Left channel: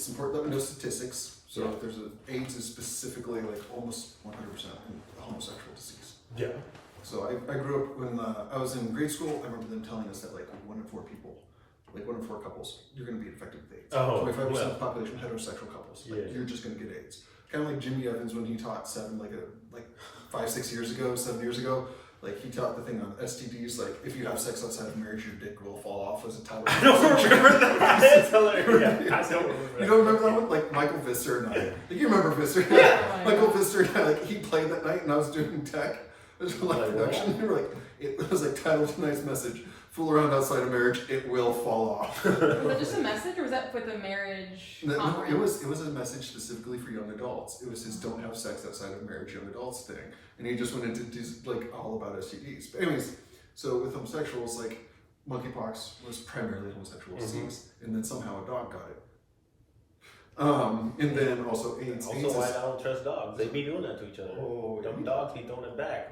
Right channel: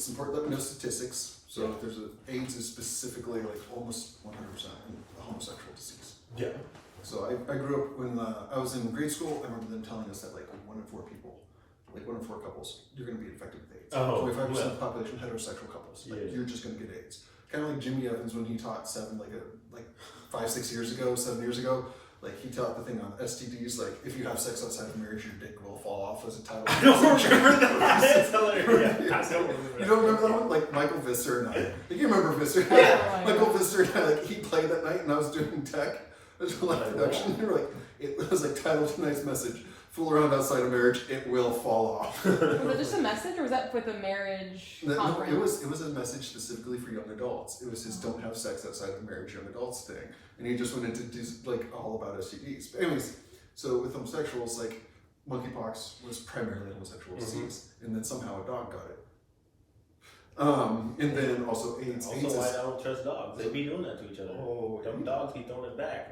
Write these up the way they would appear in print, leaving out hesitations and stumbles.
it's important that we know statistics. So if there's AIDS is specifically like almost 100% a homosexual disease. Yeah. So I grew up when I was in grade school. I remember them telling us that like 1 in 4 people, like 1 in 4 couples, you're going to be infected with AIDS. 25% of the population heterosexual couples. Like you're just going to get AIDS. Kind of like Jimmy Evans when he taught 7 years ago. Like he taught the thing on STDs. Like if you have sex outside of marriage, your dick will fall off as a title. I don't remember that. That's hilarious. I don't remember that. You don't remember that one? Like Michael Visser and I. Like you remember Visser? Yeah. Michael Visser and I. Like he played that night, and I was doing tech. It was like production. They were like, it was like titled tonight's message: "Fool around outside of marriage, it will fall off." Was it just a message, or was that for the marriage? No, it was a message specifically for young adults. It was his "Don't have sex outside of marriage, young adults" thing, and he just went into like all about STDs. But anyways, so with homosexuals, like monkeypox was primarily a homosexual disease, and then somehow a dog got it. And then also AIDS. Also, AIDS why I don't trust dogs? They be doing that to each other. Oh, them dogs be throwing it back.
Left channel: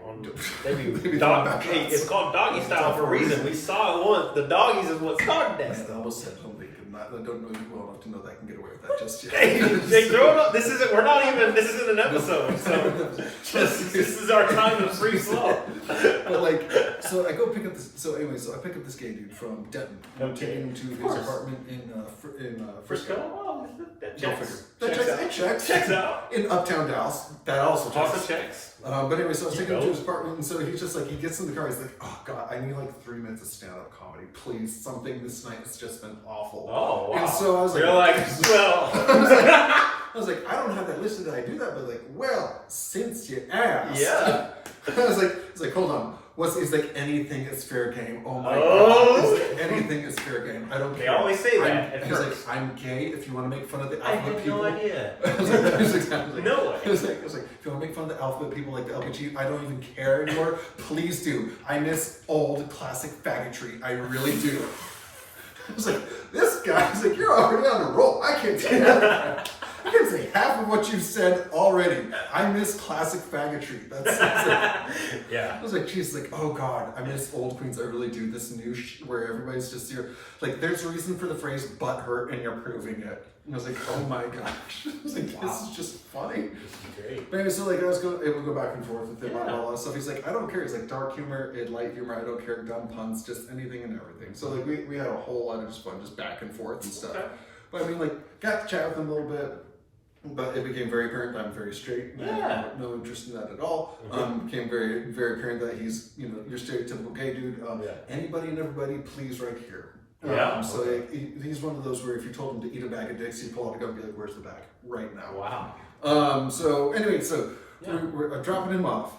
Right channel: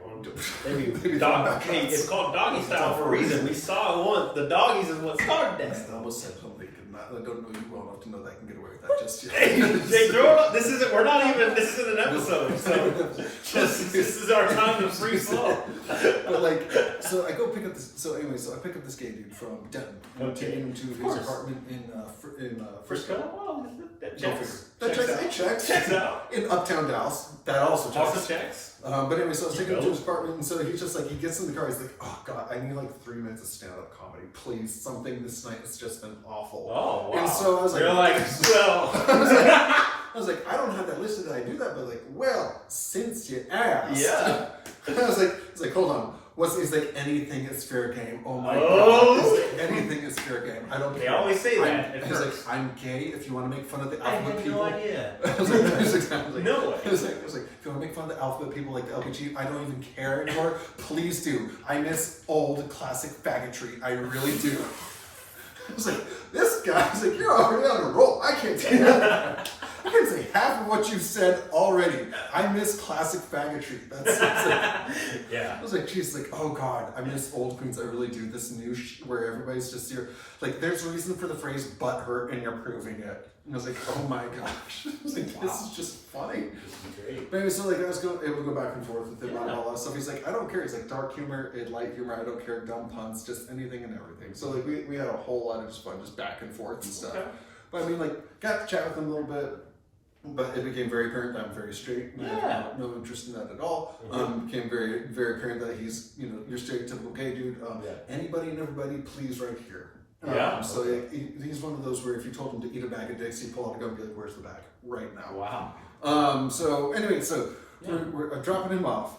They be Dog. back Hey, it's called doggy style for a reason. We saw it once. The doggies is what started that. Man, I almost said something. I don't know you well enough to know that I can get away with that just yet. Hey, they throw it up. This isn't. We're not even. This isn't an episode. So this is our time of free flow. But like, so I go pick up this. So anyway, I pick up this gay dude from Denton. I'm taking him to his apartment in Frisco. Oh, that checks out. In Uptown Dallas. That also checks. But anyway, so I was taking him to his apartment, and so he's just like, he gets in the car, he's like, oh God, I need like 3 minutes of stand-up comedy, please. Something this night has just been awful. Oh, wow. And so I was like, you're like, well. I was like, I don't have that listed that I do that, but like, well, since you asked. Yeah. I was like, hold on. He's like, anything is fair game. Oh my God. He's like, anything is fair game. I don't care. They always say that. He's like, I'm gay. If you want to make fun of the alphabet people. I had no idea. I was like, no way. I was like, if you want to make fun of the alphabet people like the LPG, I don't even care anymore. Please do. I miss old classic faggotry. I really do. I was like, this guy's like, you're already on a roll. I can't say that. I can't say half of what you said already. I miss classic faggotry. That's like, yeah. I was like, geez, like, oh God, I miss old Queens. I really do. This new where everybody's just here. Like, there's a reason for the phrase butt hurt and you're proving it. And I was like, oh my gosh. I was like, this is just funny. Great. But anyway, so like I was able to go back and forth with him on all that stuff. He's like, I don't care. He's like, dark humor, light humor, I don't care, dumb puns, just anything and everything. So like we had a whole lot of just fun, just back and forth and stuff. But I mean, like, got to chat with him a little bit. But it became very apparent that I'm very straight. And I have no interest in that at all. Became very, very apparent that he's, your stereotypical gay dude. Anybody and everybody, please, right here. So he's one of those where if you told him to eat a bag of dicks, he'd pull out a gun and be like, "Where's the bag?" Right now. Wow. So anyway, we're dropping him off,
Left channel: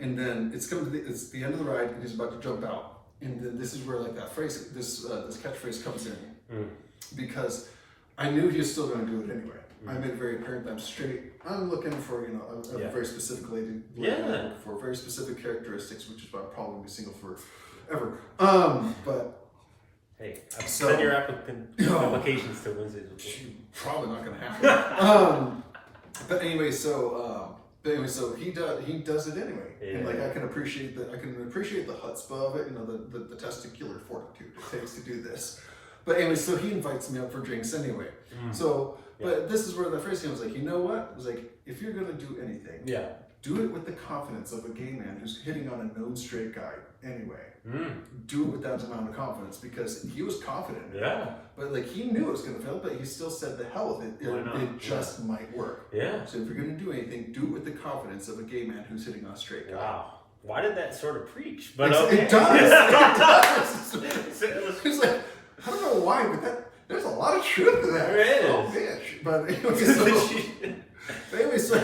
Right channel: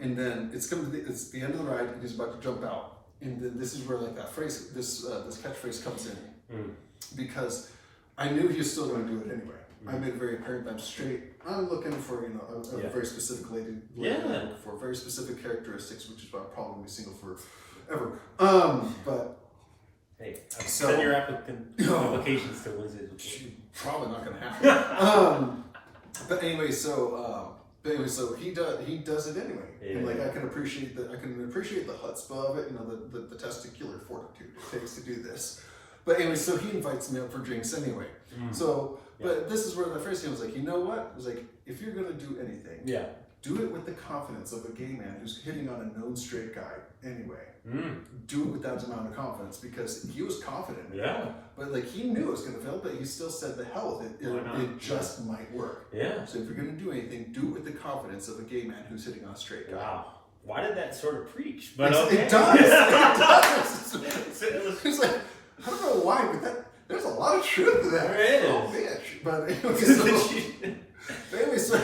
and then it's the end of the ride, and he's about to jump out, and then this is where like that phrase, this catchphrase comes in, because I knew he was still going to do it anyway. I made it very apparent that I'm straight. I'm looking for, a very specific lady. I'm looking for very specific characteristics, which is why I'm probably going to be single forever. But hey, send your applications to Wednesday. Probably not going to happen. But anyway, so he does it anyway, and like I can appreciate the chutzpah of it, the testicular fortitude it takes to do this. But anyway, so he invites me up for drinks anyway. So. But this is where the first thing was like, you know what? It was like, if you're gonna do anything, do it with the confidence of a gay man who's hitting on a known straight guy anyway. Do it with that amount of confidence because he was confident. But like he knew it was gonna fail, but he still said the hell with it. It just might work. So if you're gonna do anything, do it with the confidence of a gay man who's hitting on a straight guy. Wow. Why did that sort of preach? But it does. It's like, I don't know why, but there's a lot of truth to that. There is. Oh, bitch. But anyway, so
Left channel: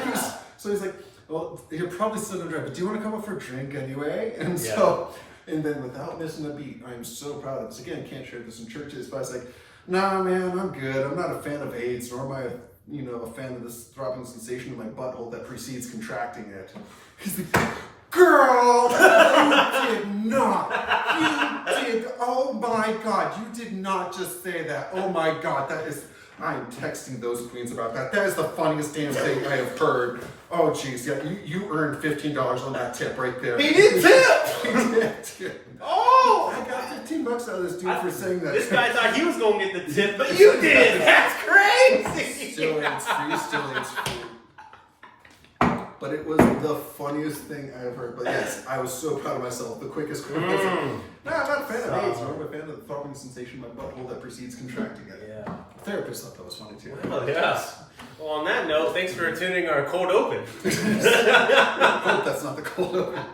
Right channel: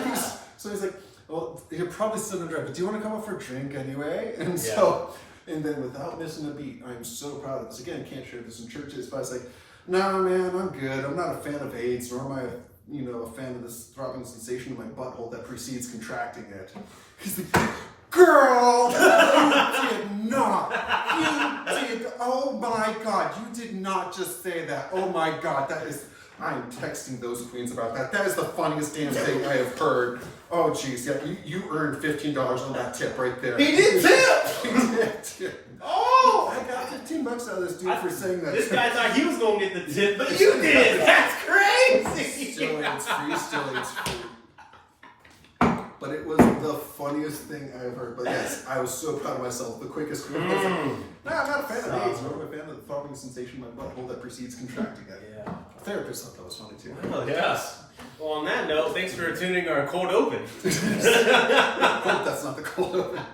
he's like, well, you're probably still in a drive, but do you want to come up for a drink anyway? And and then without missing a beat, I'm so proud of this. Again, can't share this in churches, but I was like, nah, man, I'm good. I'm not a fan of AIDS, nor am I, a fan of this throbbing sensation in my butthole that precedes contracting it. He's like, girl, you did not. You did. Oh my God, you did not just say that. Oh my God, I am texting those queens about that. That is the funniest damn thing I have heard. Oh jeez, yeah, you earned $15 on that tip right there. He did tip. He did tip. Oh, I got $15 out of this dude for saying that. This guy thought he was gonna get the tip, but you did. That's crazy. but it was the funniest thing I ever heard. But yes, I was so proud of myself. The quickest quote. I was like, nah, I'm not a fan of AIDS. I'm a fan of the throbbing sensation in my butthole that precedes contracting it. Yeah. The therapist thought that was funny too. Oh, yes. Well, on that note, thanks for attending our cold open. Hope that's not the cold open.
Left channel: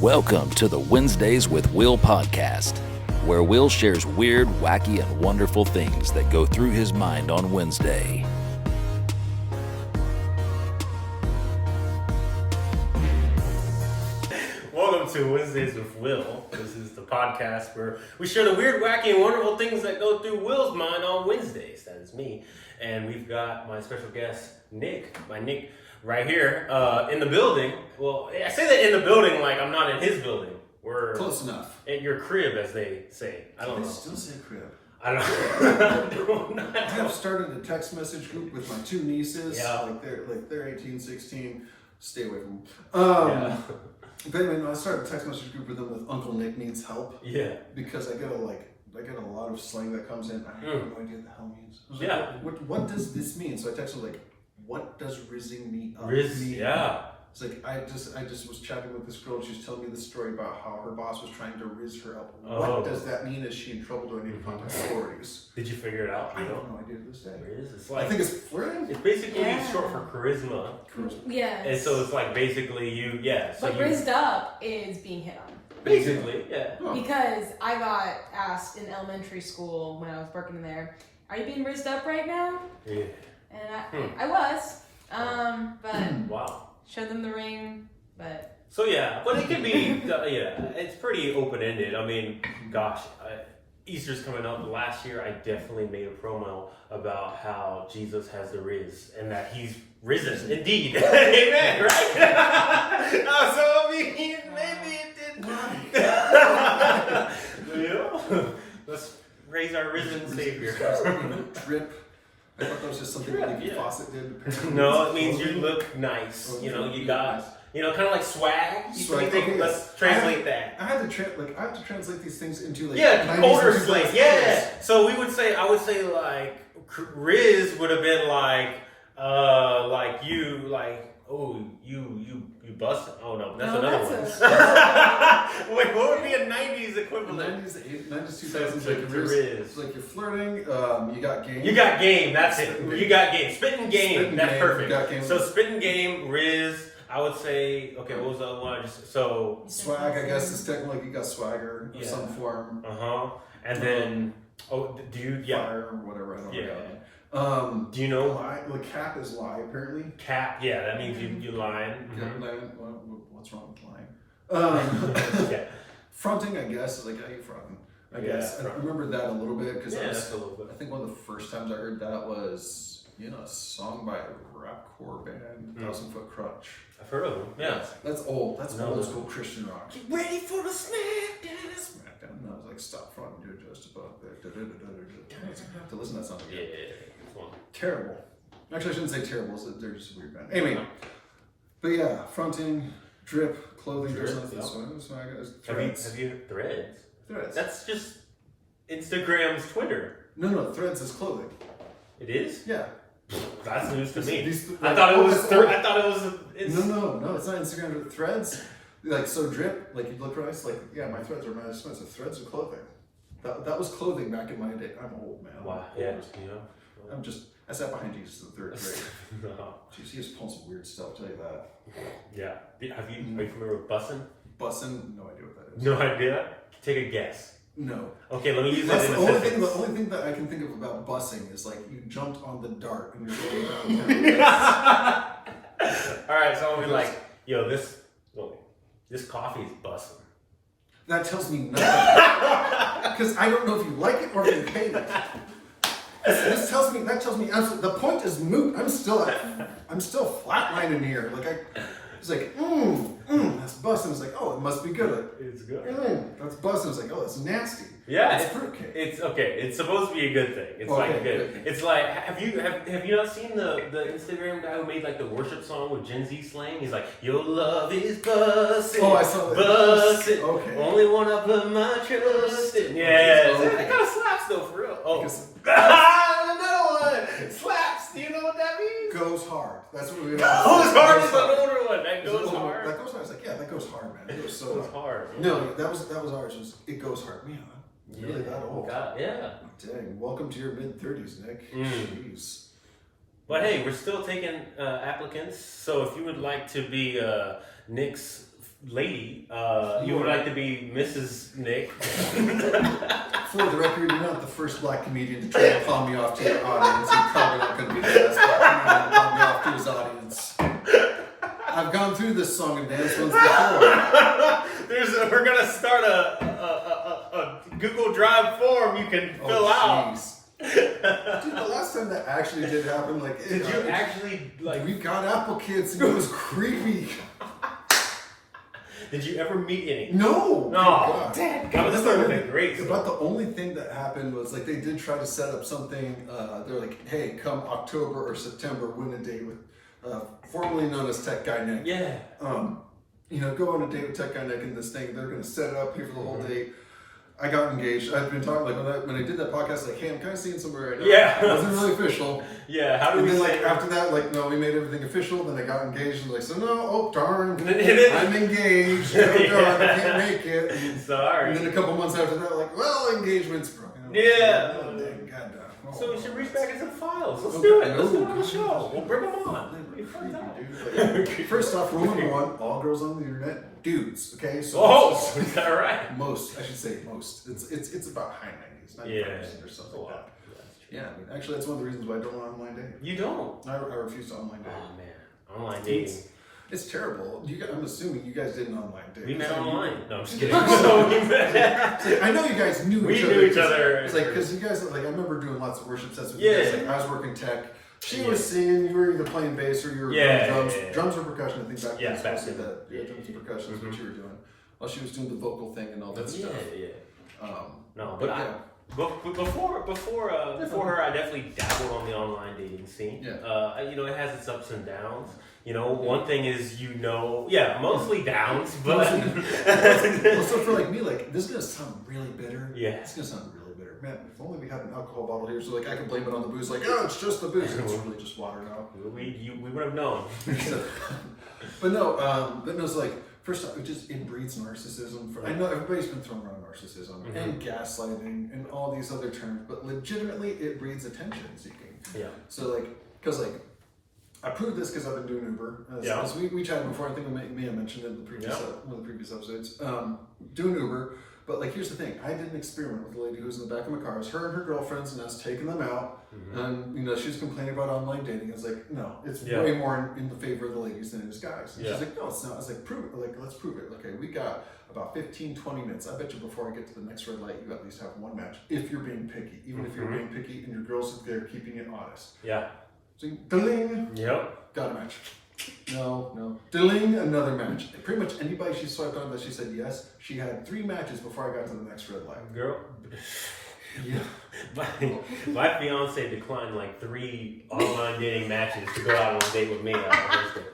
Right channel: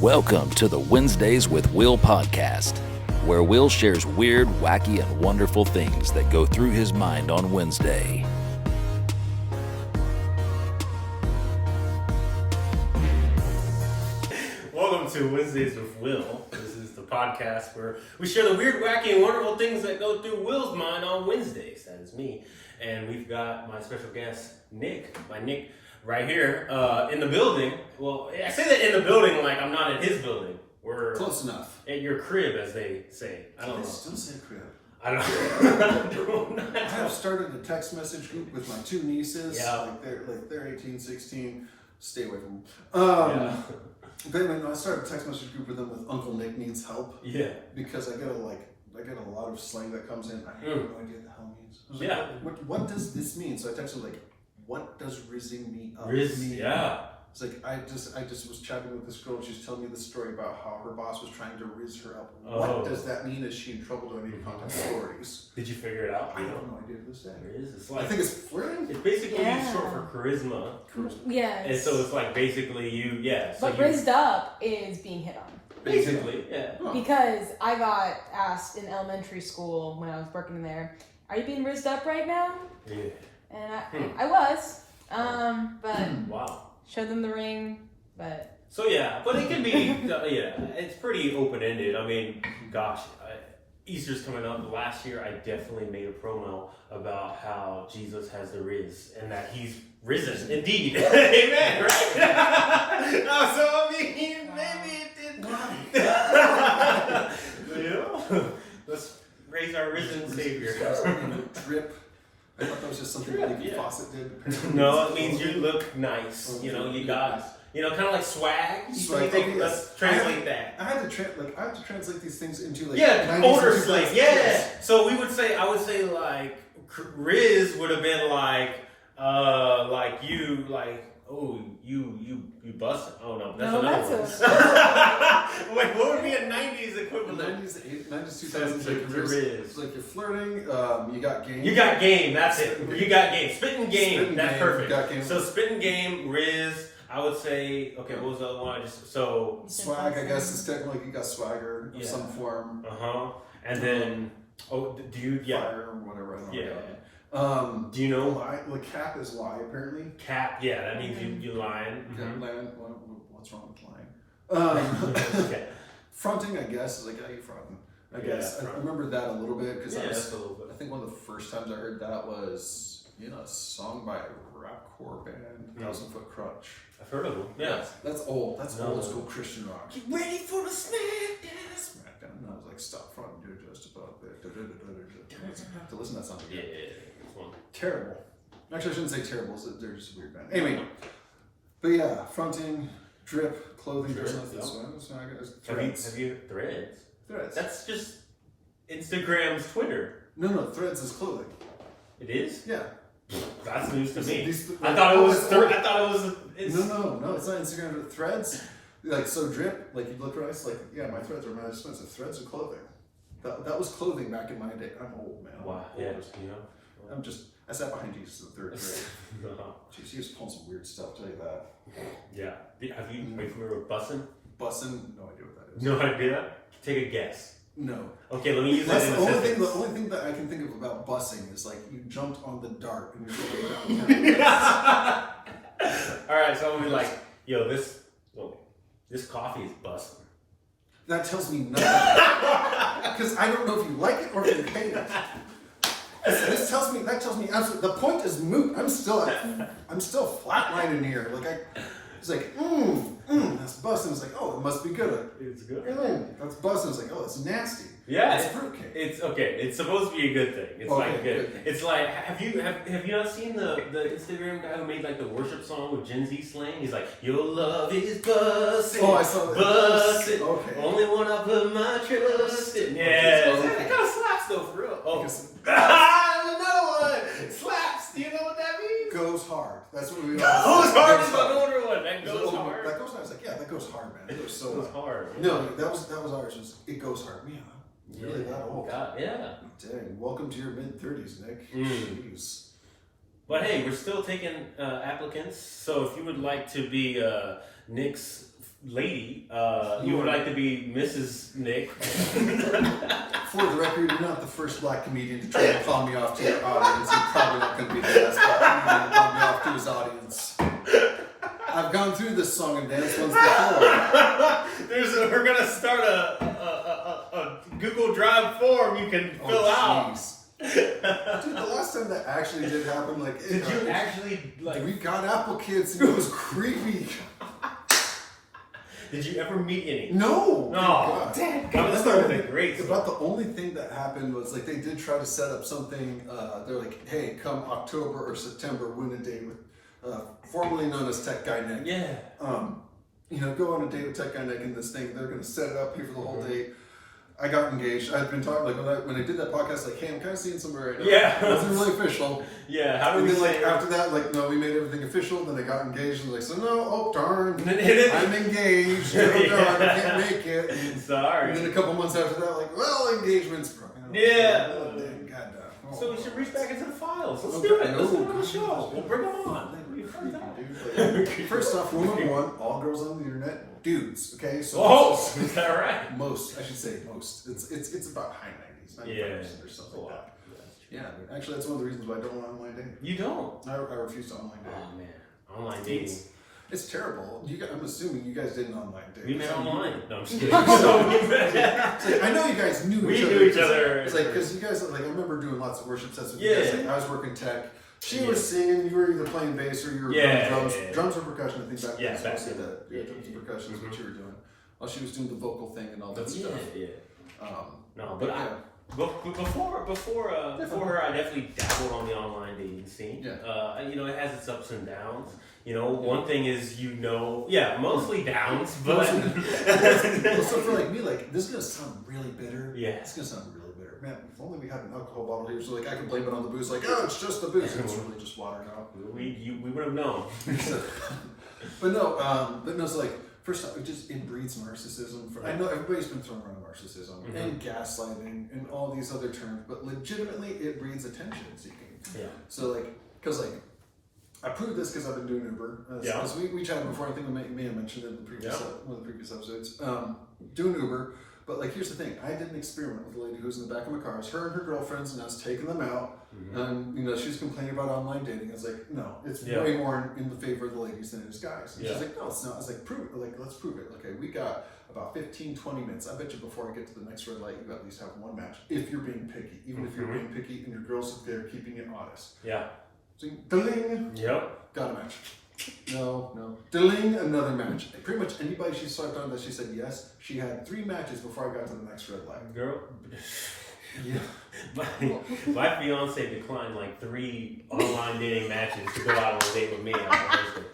Welcome to the Wednesdays with Will podcast, where Will shares weird, wacky, and wonderful things that go through his mind on Wednesday. Welcome to Wednesdays with Will. This is the podcast where we share the weird, wacky, and wonderful things that go through Will's mind on Wednesdays. That is me. And we've got my special guest, Nick. My Nick right here in the building. Well, I say that in the building like I'm not in his building. We're Close enough. at your crib, as they say. I don't know. Still say crib. I don't know. I have started a text message group with my two nieces. Yeah. Like they're 18, 16. Stay away from them. Yeah. But anyway, no, I started a text message group with them with Uncle Nick Needs Help. Yeah. Because I get a lot of slang that comes in. I have no idea what the hell it means. I was Yeah. like, what does this mean? So I texted like, what does rizzing me up Riz, mean? yeah. It's like I just was chatting with this girl and she was telling me this story about how her boss was trying to rizz her up. Oh. What does that mean? Is she in trouble? Do I need to contact authorities? Did you figure it out? I have no idea to this day. Riz? It's like, I think it's flirting. it's basically Yeah. short for charisma. Yes. And so it's like basically you, yeah. So but you, rizzed up is being hit on. basically, yeah. Huh. Because I got asked in elementary school when I was working there, are you being rizzed up right now? Yeah. And I was. But Wow. showed them the ring, but So yeah, but it can be, yeah, it's pretty open-ended. I mean, gosh, Easter's coming up. Last year, I definitely made a promo about how Jesus has the riz and that he's risen. Indeed. Amen, right? No, so I mean, maybe it didn't. You know? Let's raise our risen Savior. Drip. I thought that was just something Drip, Lady yeah. Fawcett did. Apparently. No, it means you look nice. Oh, You know, you look got, nice. you know, kind of like swag. Swag, Think, okay, let's yes. translate that. I had to translate these things into like Yeah, 90s older and 2000s. slang. Yeah. So I would say like Riz would have been like you, like, oh, you busted. Oh no, that's No, another that's one. Wait, what would be a 90s The equivalent? 90s, 2000s, So like the Riz. Riz. It's like you're flirting. You got game. You got game, that's it. You got game. Spitting game, Spitting that's game, perfect. got game. So spitting game, Riz, I would say, okay, what was the other one? So, Swag, I guess, is technically like you got swagger of Yeah. some form. and then, do you, yeah. Fire or whatever. I don't Yeah. know. Do you know? Lie, like cap is lie apparently. Cap, yeah, that means you lying. Cap, Mhm. lying, what's wrong with lying? Yeah. Fronting, I guess, is like how you fronting. I Yeah, guess I front. remember that a little bit because Yeah, that's a little bit. I think one of the first times I heard that was a song by a rapcore band, Mm. 1,000 Foot Crutch. I've heard of them. Yeah. That's old. That's No. old school Christian rock. Ready for the smackdown. Smackdown. And I was like, stop fronting, dude, just about there. To listen to that sound Yeah. again. Fun. Terrible. Actually, I shouldn't say terrible. They're just a weird band. Anyway, but yeah, fronting, drip, clothing, Drip, there's nothing. yep. So I guess Have threads. you threads? Threads. That's just Instagram's Twitter. No, threads is clothing. It is? Yeah. That's news to me. These- I thought it was. it's old. I thought it was. No, it's not Instagram. Threads, like so drip, like you look rice, like yeah, my threads are mad expensive. Threads are clothing. That was clothing back in my day. I'm old, man. Wow. I'm Yeah. old. I sat behind Jesus in the third grade. No. Jeez, he was pulling some weird stuff. I'll tell you that. Yeah. Are you familiar with bussin'? Bussin', no idea what that is. No idea. Take a guess. No. Okay, let me use That's that in the only a thing. sentence. The only thing that I can think of about bussing is like you jumped on the dart and you're going down. All right, so I'm gonna be like, yo, this coffee is bussin'. That tells me nothing because I don't know if you like it or if you hate it. That tells me absolutely. The point is moot. I'm still flatlining here. Like It's like, that's busting. It's like, oh, it must be good. It's good. That's busting. It's like, oh, that's nasty. Yeah, it's fruitcake. It's okay. It's supposed to be a good thing. It's like good. It's like have you not seen the Instagram guy who made like the worship song with Gen Z slang? He's like, your love is bussin'. Oh, I saw that. Bussin'. Okay. Only one I put my trust in. Yeah, it kind of slaps though for real. Oh, another one slaps. Do you know what that means? Goes hard. That's what we Goes hard is an older one. That goes hard. That goes hard. It's like, yeah, that goes hard, man. It goes so goes hard. Yeah. No, that was ours. It was, it goes hard. Yeah. Really that old? God, yeah. Dang. Welcome to your mid-30s, Nick. Jeez. But hey, we're still taking applicants. So if you would like to be Nick's lady, you would like to be Mrs. Nick. For the record, you're not the first black comedian to try to palm me off to your audience. You're probably not going to be the last black comedian to palm me off to his audience. I've gone through this song and dance once before. We're gonna start a Google Drive form you can fill out. Dude, the last time that actually did happen, like, did you actually like? We got Apple Kids and it was creepy. Did you ever meet any? No. No. Dad, God, this would have been great. About the only thing that happened was like they did try to set up something. They're like, hey, come October or September, win a date with. Formerly known as Tech Guy Nick. Yeah. Go on a date with Tech Guy Nick and this thing. They're gonna set it up, pay for the whole date. I got engaged. I've been talking when I did that podcast, like, hey, I'm kind of seeing somebody right now. Yeah. It wasn't really official. Yeah. How do and we then, say? Like after that, like, no, we made everything official. Then I got engaged and like, so no, oh darn, It is. I'm engaged. Oh, darn, I can't make it. And, Sorry. And then a couple months after that, like, well, engagement's broken. Yeah. Oh, dang, goddamn. Oh, So we should reach back into the files. Let's okay. do it. Let's do it on No, the show. We'll bring them on. First off, rule number one: all girls on the internet, dudes. Okay, so Is that right? most, I should say most. It's about high 90s, 95% or something like that. Yeah, I mean, actually, that's one of the reasons why I don't want online dating. You don't. I refuse to online date. Oh man, online dating. It's terrible. I'm assuming you guys didn't online date. We met online. No, I'm just kidding. It's like, I know you guys knew each other. We knew each other. It's like, because you guys, like, I remember doing lots of worship sets with you Yeah. guys. Like, I was working tech. She was singing. You were either playing bass or you were doing drums. Yeah. Drums or percussion, I think back then. Yeah, was back mostly then. that. Yeah, drums and percussion is what you were doing. While she was doing the vocal thing and all that stuff. No, but yeah. Before her, I definitely dabbled on the online dating scene. Yeah. It has its ups and downs. One thing is, mostly downs, but So for like me, like, this is gonna sound really bitter. Yeah. It's gonna sound really bitter. Man, if only we had an alcohol bottle here, so like I can blame it on the booze. Like, oh, it's just the booze. It's really just water now. we would have known. But no, it's like, first off, it breeds narcissism. I know everybody's been thrown around narcissism and gaslighting and all these other terms, but legitimately it breeds attention seeking. Yeah. So like, because like, I proved this because I've been doing Uber. As we chatted before, I think we may have mentioned it in the previous one of the previous episodes. Doing Uber, but like, here's the thing: I did an experiment with a lady who was in the back of my car. It was her and her girlfriends, and I was taking them out, and she was complaining about online dating. I was like, no, it's way more in the favor of the ladies than it is guys. And she's like, no, it's not. I was like, prove it. Like, let's prove it. Okay, we got about 15, 20 minutes. I bet you before I get to the next red light, you at least have one match. If you're being picky, even if you're being picky, and your girls are there keeping it honest. Yeah. Ding. Yep. Got a match. No. Ding, another match. Pretty much anybody she swiped on that she said yes, she had 3 matches before I got to the next red light. Girl. Yeah. My fiance declined like 3 online dating matches to go out on a date with me on Thursday.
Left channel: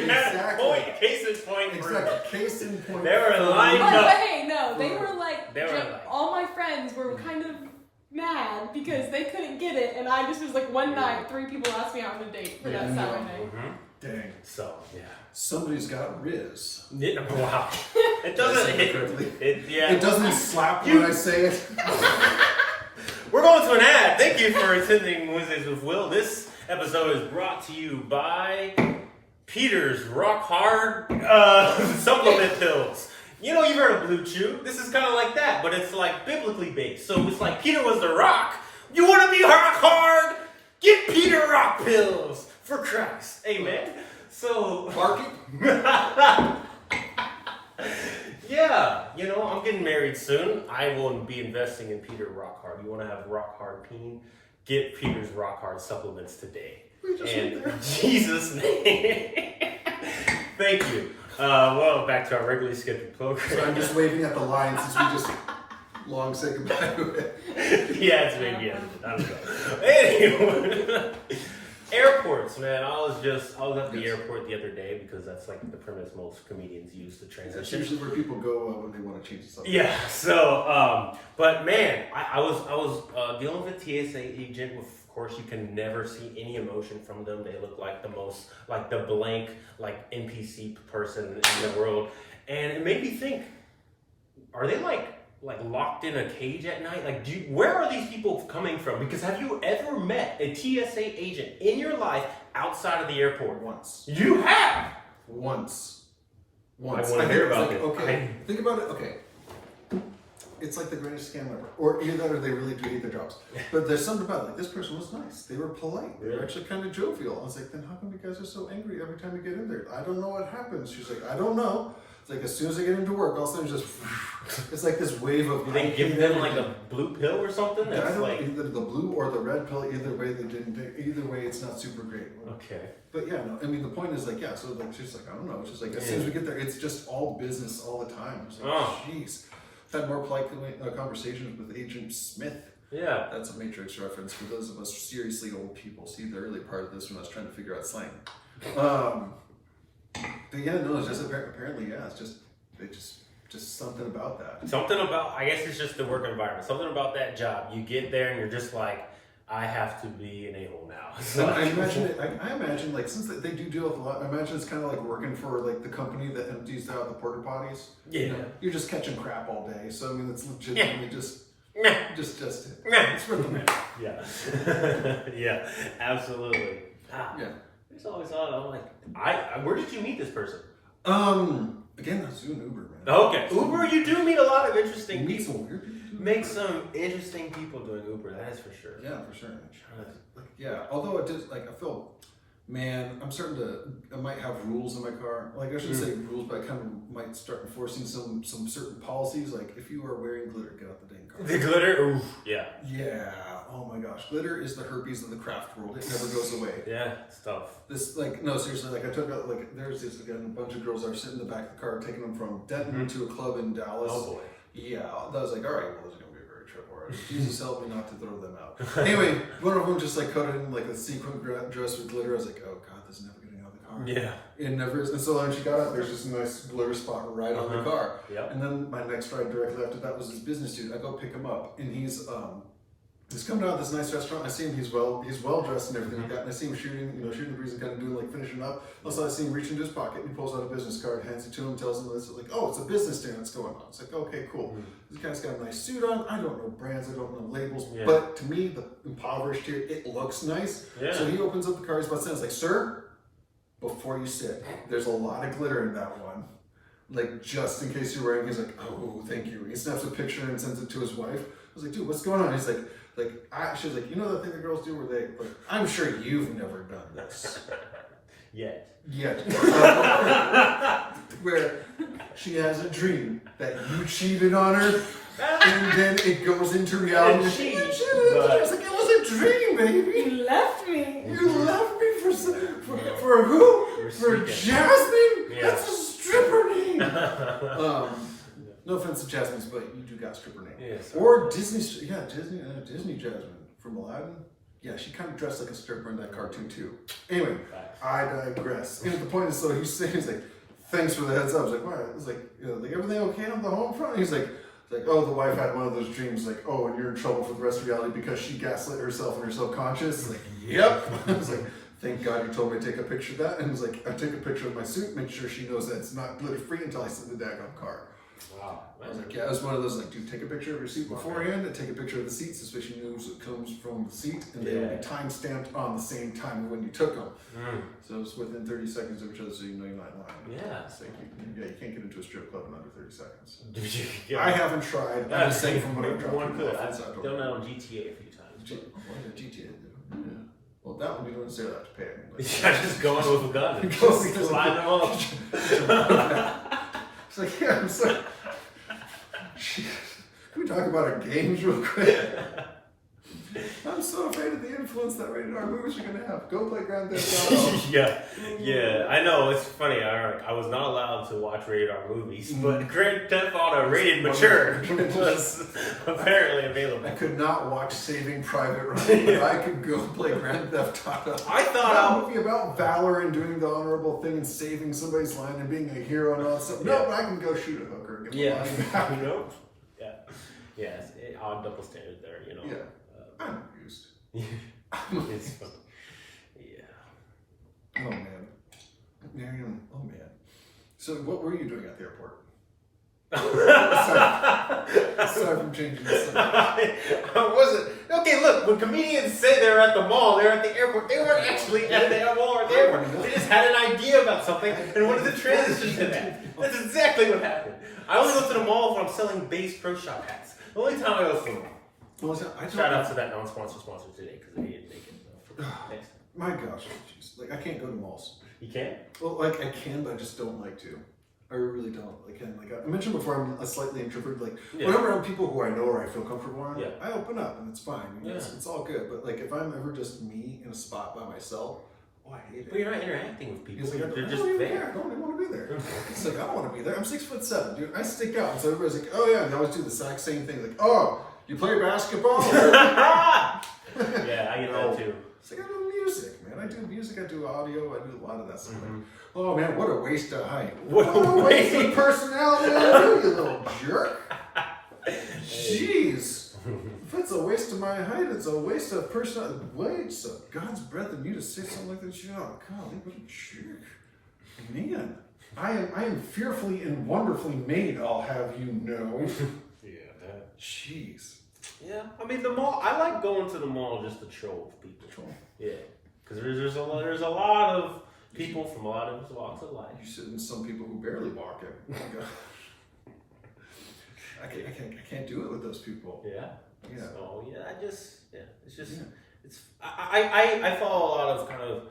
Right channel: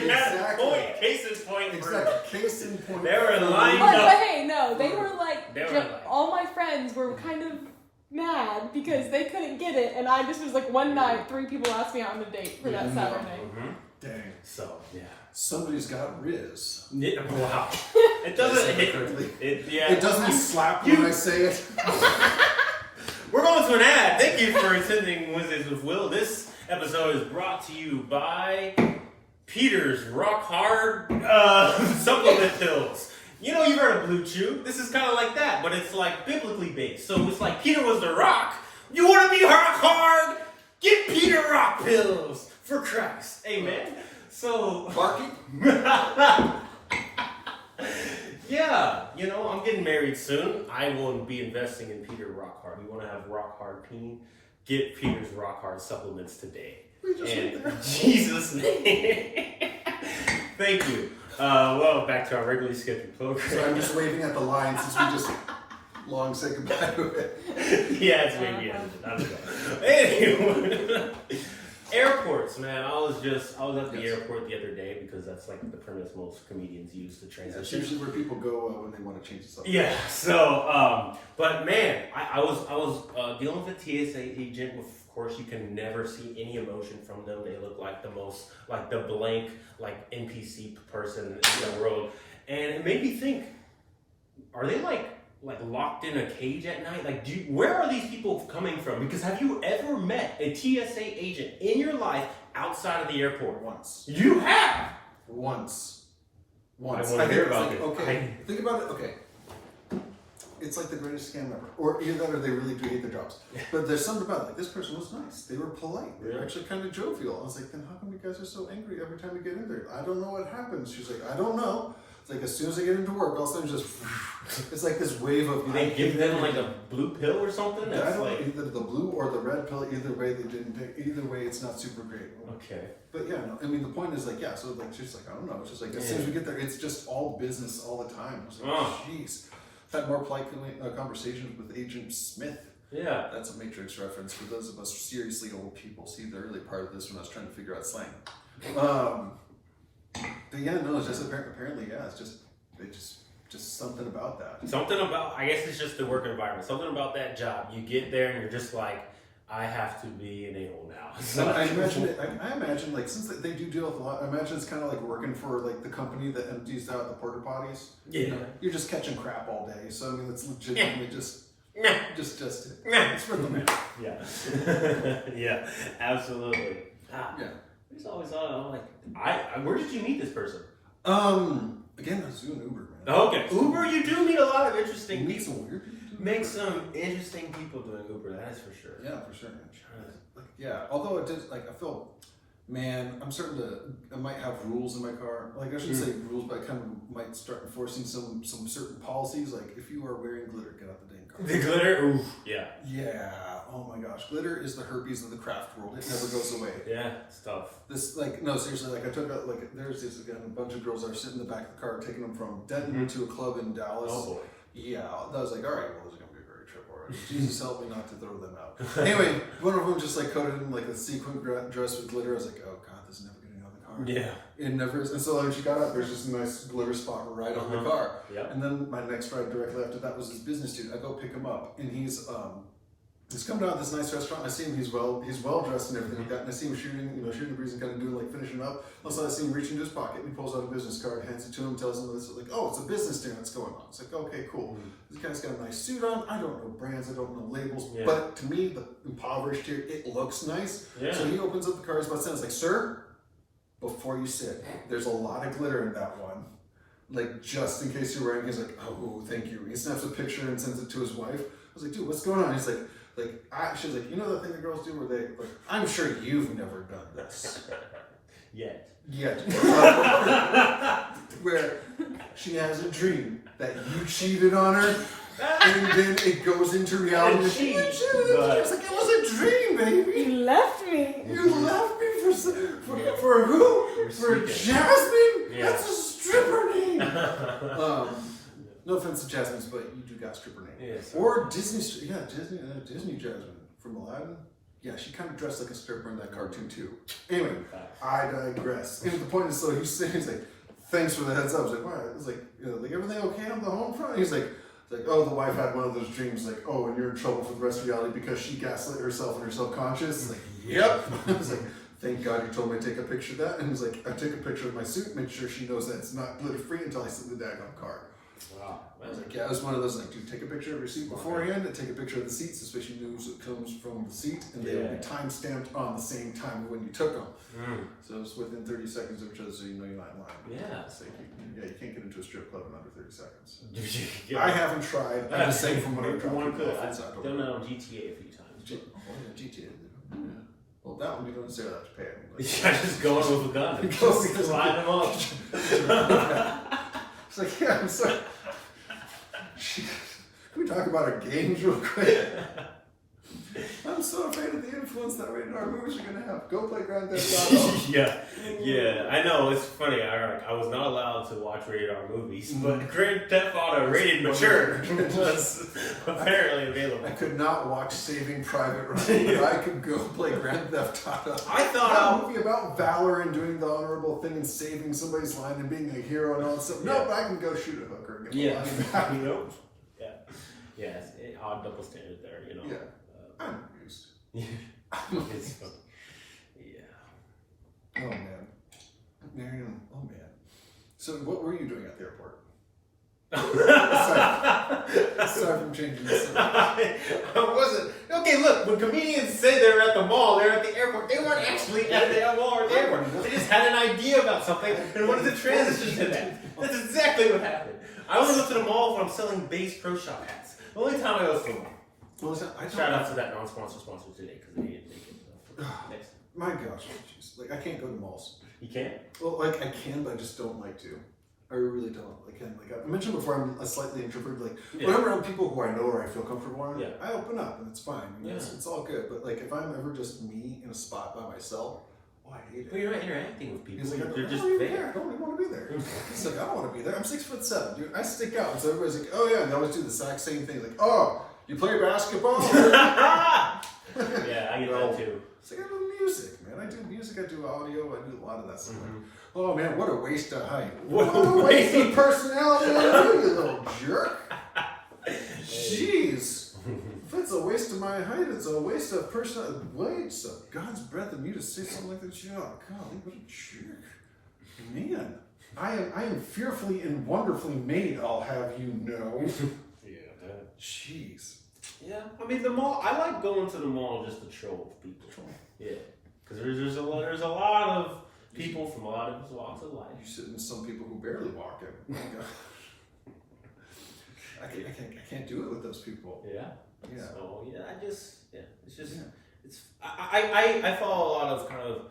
Exactly. Case in point. Exactly. Case in point. They were lined up. Okay, no, they were like, all my friends were kind of mad because they couldn't get it, and I just was like, one night, 3 people asked me out on a date for that Saturday. Dang. So, yeah. Somebody's got Riz. Wow. It doesn't It doesn't slap when I say it. We're going to an ad. Thank you for attending Wednesdays with Will. This episode is brought to you by Peter's Rock Hard supplement pills. You've heard of Blue Chew. This is kind of like that, but it's like biblically based. So it's like Peter was the rock. You want to be rock hard? Get Peter Rock pills for Christ. Amen. So Barky? Yeah, I'm getting married soon. I will be investing in Peter Rock Hard. You want to have Rock Hard peen? get Peter's Rock Hard supplements today. We just went there. Jesus' name. Thank you. Well, back to our regularly scheduled program. So I'm just waving at the line since we just long say goodbye to it. Yeah, it's maybe edited. I don't know. Anyway, airports, man. I was at the airport the other day because that's like the premise most comedians use to transition. That's usually where people go when they want to change the subject. Yeah. So, but man, I was dealing with a TSA agent. Of course, you can never see any emotion from them. They look like the most, like the blank, like NPC person in the world, and it made me think: are they like locked in a cage at night? Like, where are these people coming from? Because have you ever met a TSA agent in your life outside of the airport? Once. You have? Once. I want to hear about it. Okay, think about it. Okay. It's like the greatest scam ever. Or either that or they really do hate their jobs. But there's something about it. Like, this person was nice. They were polite. They were actually kind of jovial. I was like, then how come you guys are so angry every time you get in there? I don't know what happens. She's like, I don't know. It's like, as soon as I get into work, all of a sudden just, it's like this wave of... Do they give them like a blue pill or something? I don't know, either the blue or the red pill. Either way, they didn't. Either way, it's not super great. Okay. But yeah, no. I mean, the point is like, yeah. So like, she's like, I don't know. It's just like as soon as we get there, it's just all business all the time. I was like, jeez. Had more polite conversations with Agent Smith. Yeah. That's a Matrix reference for those of us seriously old people. See the early part of this when I was trying to figure out slang. But yeah, no, it's just apparently, yeah, it's just something about that. Something about, I guess it's just the work environment. Something about that job. You get there and you're just like, I have to be an a-hole now. So I imagine like, since they do deal with a lot, I imagine it's kind of like working for like the company that empties out the porta potties. Yeah. You know, you're just catching crap all day. So I mean, it's legitimately just it. It's for the man. Yeah. Yeah, absolutely. Yeah. It's always odd. I'm like, where did you meet this person? Again, I was doing Uber, man. Okay. Uber, you do meet a lot of interesting people. Meet some weird people. Make some interesting people doing Uber, that is for sure. Yeah, for sure. Like, yeah, although it did, like, I feel, man, I might have rules in my car. Like, I shouldn't say rules, but I kind of might start enforcing some certain policies. Like, if you are wearing glitter, get out the dang car. The glitter? Ooh, yeah. Yeah, oh my gosh. Glitter is the herpes of the craft world. It never goes away. Yeah, it's tough. This, like, no, seriously, like, I took out, like, there's this, again, a bunch of girls that are sitting in the back of the car, taking them from Denton to a club in Dallas. Oh, boy. Yeah, that was like, all right, well, this is going to be a very trip already. Jesus help me not to throw them out. Anyway, one of them just like coated in like a sequin dress with glitter. I was like, oh God, this is never getting out of the car. Yeah. It never is. And so when she got out, there's just a nice glitter spot right on the car. Yep. And then my next ride directly after that was this business dude. I go pick him up and he's coming out of this nice restaurant. I see him, he's well dressed and everything like that. And I see him shooting the breeze and kind of doing like finishing up. Also I see him reach into his pocket and he pulls out a business card, hands it to him, tells him this like, oh, it's a business dinner that's going on. It's like, okay, cool. This guy's got a nice suit on. I don't know brands, I don't know labels, but to me, the impoverished here, it looks nice. Yeah. So he opens up the card, he's about to say, it's like, sir, before you sit, there's a lot of glitter in that one. Like, just in case you're wearing, he's like, oh, thank you. He snaps a picture and sends it to his wife. I was like, dude, what's going on? He's like, she was like, you know that thing that girls do where they, like, I'm sure you've never done this. Yet. Where she has a dream that you cheated on her, and then it goes into reality. I was like, it was a dream, baby. You left me. You left me for who? For Jasmine? Yeah. That's a stripper name. No offense to Jasmine's, but you do got stripper name. Yeah, or Disney Jasmine from Aladdin. Yeah, she kind of dressed like a stripper in that cartoon too. Anyway, I digress. And the point is, so he's like, thanks for the heads up. I was like, why? I was like, like everything okay on the home front? He's like, oh, the wife had one of those dreams, like, oh, and you're in trouble for the rest of reality because she gaslit herself and her self-conscious. He's like, yep. I was like, thank God you told me to take a picture of that. And he's like, I take a picture of my suit, make sure she knows that it's not glitter-free until I sit in the daggone car. Wow. I was like, yeah, it was one of those, like, dude, take a picture of your seat beforehand and take a picture of the seats, especially knows it comes from the seat, and they will be time-stamped on the same time when you took them. So it's within 30 seconds of each other, so you know you're not in line. Yeah. It's like you can't get into a strip club in under 30 seconds. I haven't tried. I'm just saying from what I've dropped. One could. I've done that on GTA a few times. GTA. Yeah. Well, that one you don't necessarily have to pay. I mean, like, just go in with a gun. Just line them up. It's like, yeah, I'm sorry. Can we talk about our games real quick? I'm so afraid of the influence that rated R movies are going to have. Go play Grand Theft Auto. yeah. I know, it's funny. I was not allowed to watch rated R movies, but Grand Theft Auto rated mature was apparently available. I could not watch Saving Private Ryan, but I could go play Grand Theft Auto. I thought a movie about valor and doing the honorable thing and saving somebody's line and being a hero and all that stuff. No, but I can go shoot a hooker and get the line back. Yeah, it's odd double standard there, you know. Yeah, I'm used. It's funny. Yeah. Oh man, Miriam. Oh man. So what were you doing at the airport? Aside from changing the subject. I wasn't. Okay, look, when comedians say they're at the mall, they're at the airport, they weren't actually at the mall or at the airport. They just had an idea about something and wanted to transition to that. That's exactly what happened. I only go to the mall when I'm selling Bass Pro Shop hats. The only time I go to the mall. Well, Shout out to that non-sponsor sponsor today because they didn't make it. Next. My gosh, jeez. Like I can't go to malls. You can't? Well, like I can, but I just don't like to. I really don't. I mentioned before, I'm a slightly introverted. Like when I'm around people who I know or I feel comfortable around, I open up and it's fine. You know, it's all good. But like if I'm ever just me in a spot by myself, I hate it. But you're not interacting with people. He's like, You're just even there. care. I don't even want to be there. He's like, I don't want to be there. I'm 6'7", dude. I stick out. So everybody's like, oh yeah, they always do the exact same thing. Like, oh, you play basketball? Yeah, I get that too. It's like I do music, man. I do music. I do audio. I do a lot of that stuff. Like, oh man, what a waste of height. What a waste of personality, you little jerk. Jeez. If it's a waste of my height, it's a waste of personality. Waste of God's breath in you to say something like that. Oh, golly, what a jerk. Man, I am fearfully and wonderfully made, I'll have you know. Jeez. Yeah, I mean the mall. I like going to the mall just to troll with people. Yeah, because there's a lot of people from a lot of walks of life. You sit in some people who barely walk in. I can't do it with those people. Yeah. So I follow a lot of kind of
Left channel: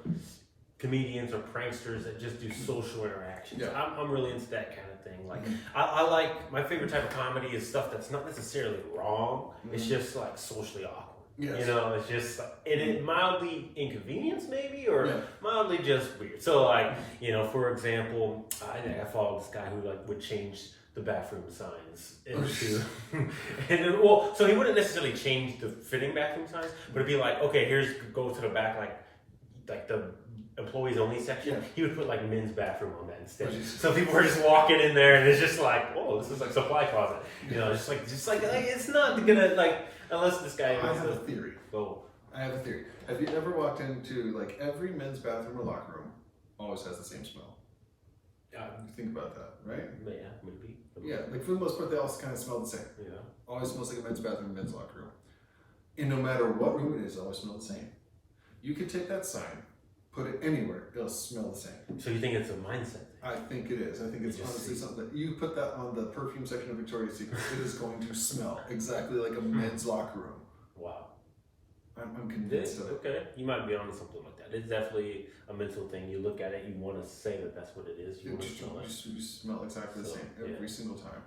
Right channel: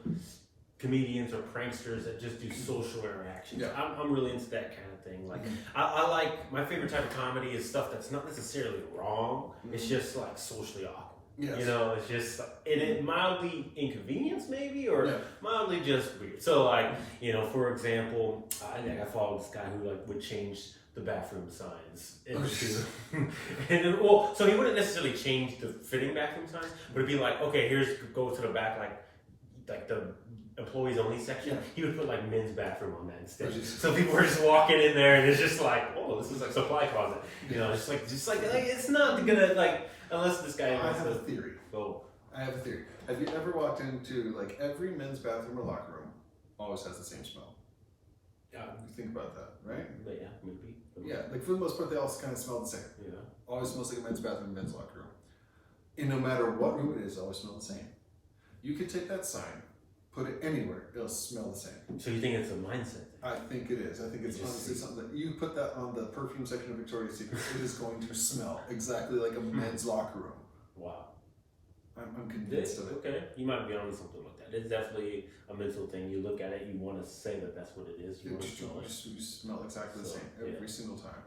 comedians or pranksters that just do social interactions. Yeah. I'm really into that kind of thing. Like I like, my favorite type of comedy is stuff that's not necessarily wrong. It's just like socially awkward. Yes. You know, it's just it mildly inconvenience maybe, or mildly just weird. So like, you know, for example, I follow this guy who like would change the bathroom signs into, and well, so he wouldn't necessarily change the fitting bathroom signs, but it'd be like, okay, go to the back, like the employees only section. He would put like men's bathroom on that instead. So people were just walking in there, and it's just like, oh, this is like supply closet. You know, just like it's not gonna like unless this guy. I have a theory. Oh, I have a theory. Have you ever walked into like every men's bathroom or locker room always has the same smell? Yeah, you think about that, right? Yeah, maybe. Yeah, like for the most part, they all kind of smell the same. Yeah. Always smells like a men's bathroom, men's locker room. And no matter what room it is, it always smells the same. You could take that sign, put it anywhere, it'll smell the same. So you think it's a mindset thing? I think it is. I think it's honestly something that you put that on the perfume section of Victoria's Secret, it is going to smell exactly like a men's locker room. Wow. I'm convinced of it. Okay, you might be onto something like that. It's definitely a mental thing. You look at it, you want to say that that's what it is. You smell exactly the same every single time.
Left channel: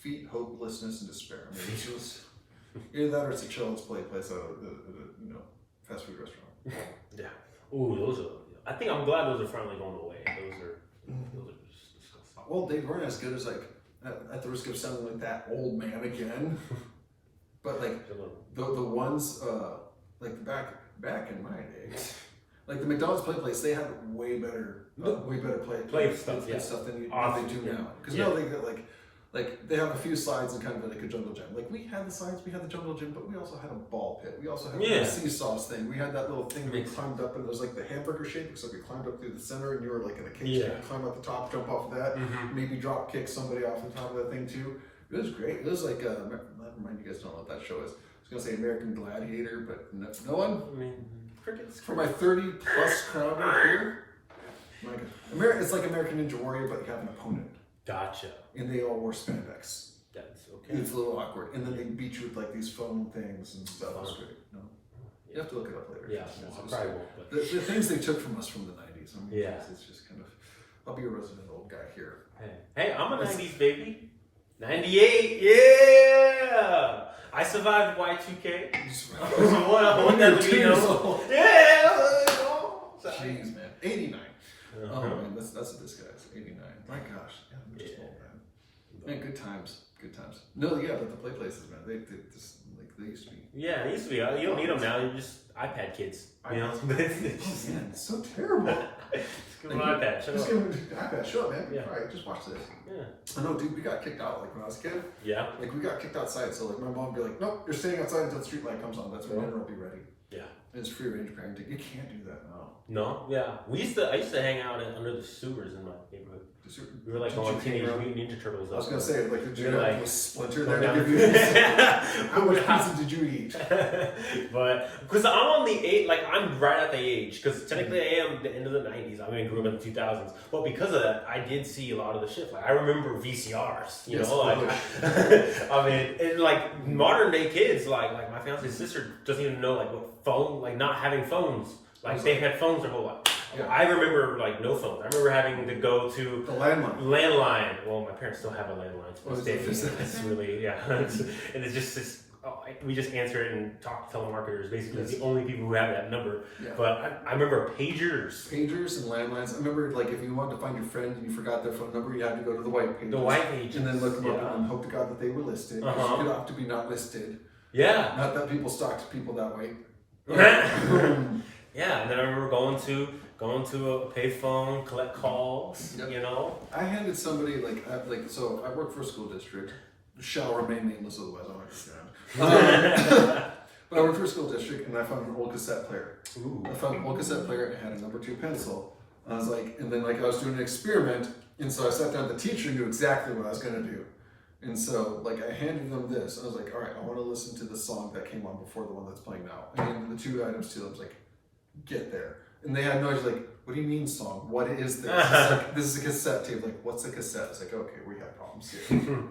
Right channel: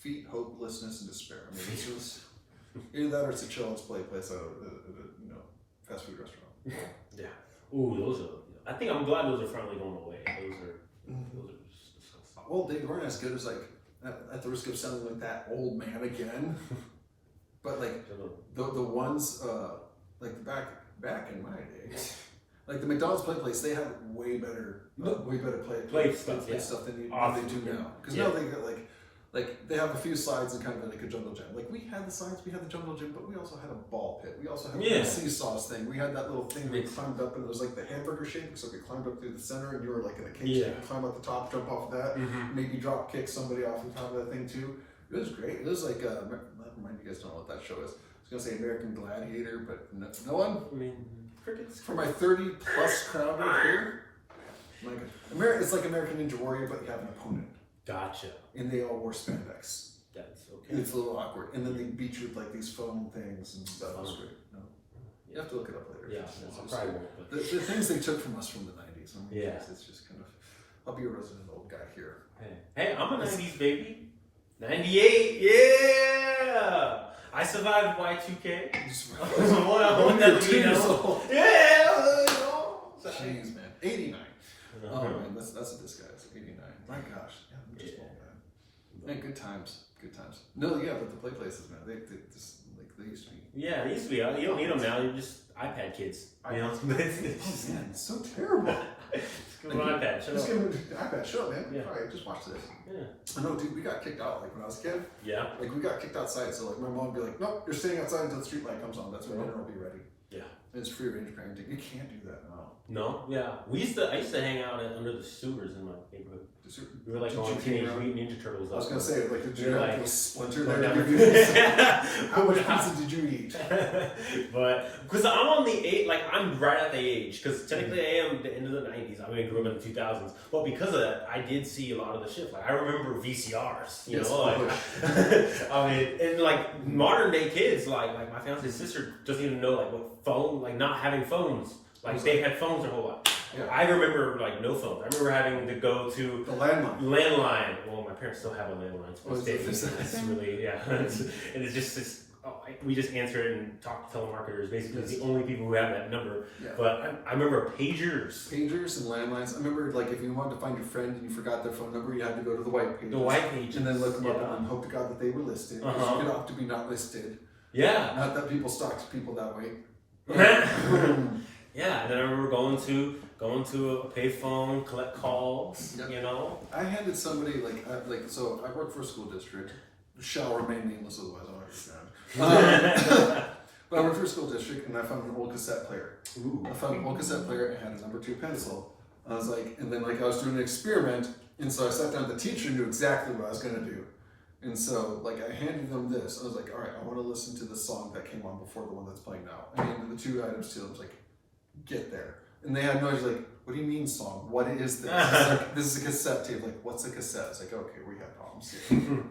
Feet, hopelessness, and despair. I mean, it's just either that or it's a children's place at a fast food restaurant. Yeah. Ooh, those are. I think I'm glad those are finally going away. Those are just disgusting. Well, they weren't as good as like at the risk of sounding like that old man again. But like the ones like back in my day, like the McDonald's play place, they had way better play stuff than they do now. Because now they got like they have a few slides and kind of like a jungle gym. Like we had the slides, we had the jungle gym, but we also had a ball pit. We also had the seesaws thing. We had that little thing where we climbed up and it was like the hamburger shape, so we climbed up through the center and you were like in a cage. You could climb up the top, jump off of that, maybe drop kick somebody off the top of that thing too. It was great. It was like, never mind, you guys don't know what that show is. I was going to say American Gladiator, but no one? I mean, crickets. For my 30-plus crowd right here, it's like American Ninja Warrior, but you have an opponent. Gotcha. And they all wore spandex. That's okay. It's a little awkward. And then they beat you with like these foam things and stuff. It was great. No? You have to look it up later. Yeah, I probably won't. But... The things they took from us from the 90s. I mean, yeah. It's just kind of, I'll be a resident old guy here. Hey, I'm a 90s baby. 98, yeah! I survived Y2K. What that Years old. Yeah! Jeez, man. 89. Uh-huh. Oh, man, that's what this guy's. 89. My gosh. Yeah, I'm just old, man. Man, good times. Good times. No, yeah, but the play places, man, they just, like, they used to be. Yeah, it used to be. You don't need them now. You're just iPad kids. You know? Oh, man, it's so terrible. Just give them an iPad. Shut Just up. give them an iPad. Shut up, man. Yeah. All right, just watch this. Yeah. I know, dude, we got kicked out, like, when I was a kid. Yeah. Like, we got kicked outside, so, like, my mom would be like, nope, you're staying outside until the street light comes on. That's when dinner will be ready. Yeah. And it's free range parenting. You can't do that now. No? Yeah. I used to hang out under the sewers in my neighborhood. We were like on Teenage Mutant Ninja Turtles. I was gonna say, like, did you like, have a splinter there down to give you? How much pizza did you eat? But because I'm on the age, like I'm right at the age, because technically I am the end of the 90s. I mean, I grew up in the 2000s, but because of that, I did see a lot of the shit. Like I remember VCRs, you know, like I mean, and like modern day kids, like my fiance's sister doesn't even know like what phone, like not having phones. Like they had phones their whole life. Yeah. I remember like no phones. I remember having to go to the landline. Well, my parents still have a landline. Oh, it's really and it's just we just answer it and talk to telemarketers. Basically, it's the only people who have that number. Yeah. But I remember pagers and landlines. I remember like if you wanted to find your friend and you forgot their phone number, you had to go to the white pages. The white pages, and then look them up and hope to God that they were listed. You could opt to be not listed. Yeah. Not that people stalked people that way. Yeah, and then I remember going to a payphone, collect calls. Yep. You know, I handed somebody so I work for a school district. Shall remain nameless, otherwise I'll understand. But I worked for a school district, and I found an old cassette player. Ooh. I found an old cassette player and had a number 2 pencil. I was like, and then I was doing an experiment, and so I sat down. The teacher knew exactly what I was going to do. And so, I handed them this. I was like, all right, I want to listen to the song that came on before the one that's playing now. I handed the 2 items to them. I was like, get there. And they had no idea, like, what do you mean song? What is this? This is a cassette tape. Like, what's a cassette? It's like, okay, we have problems here.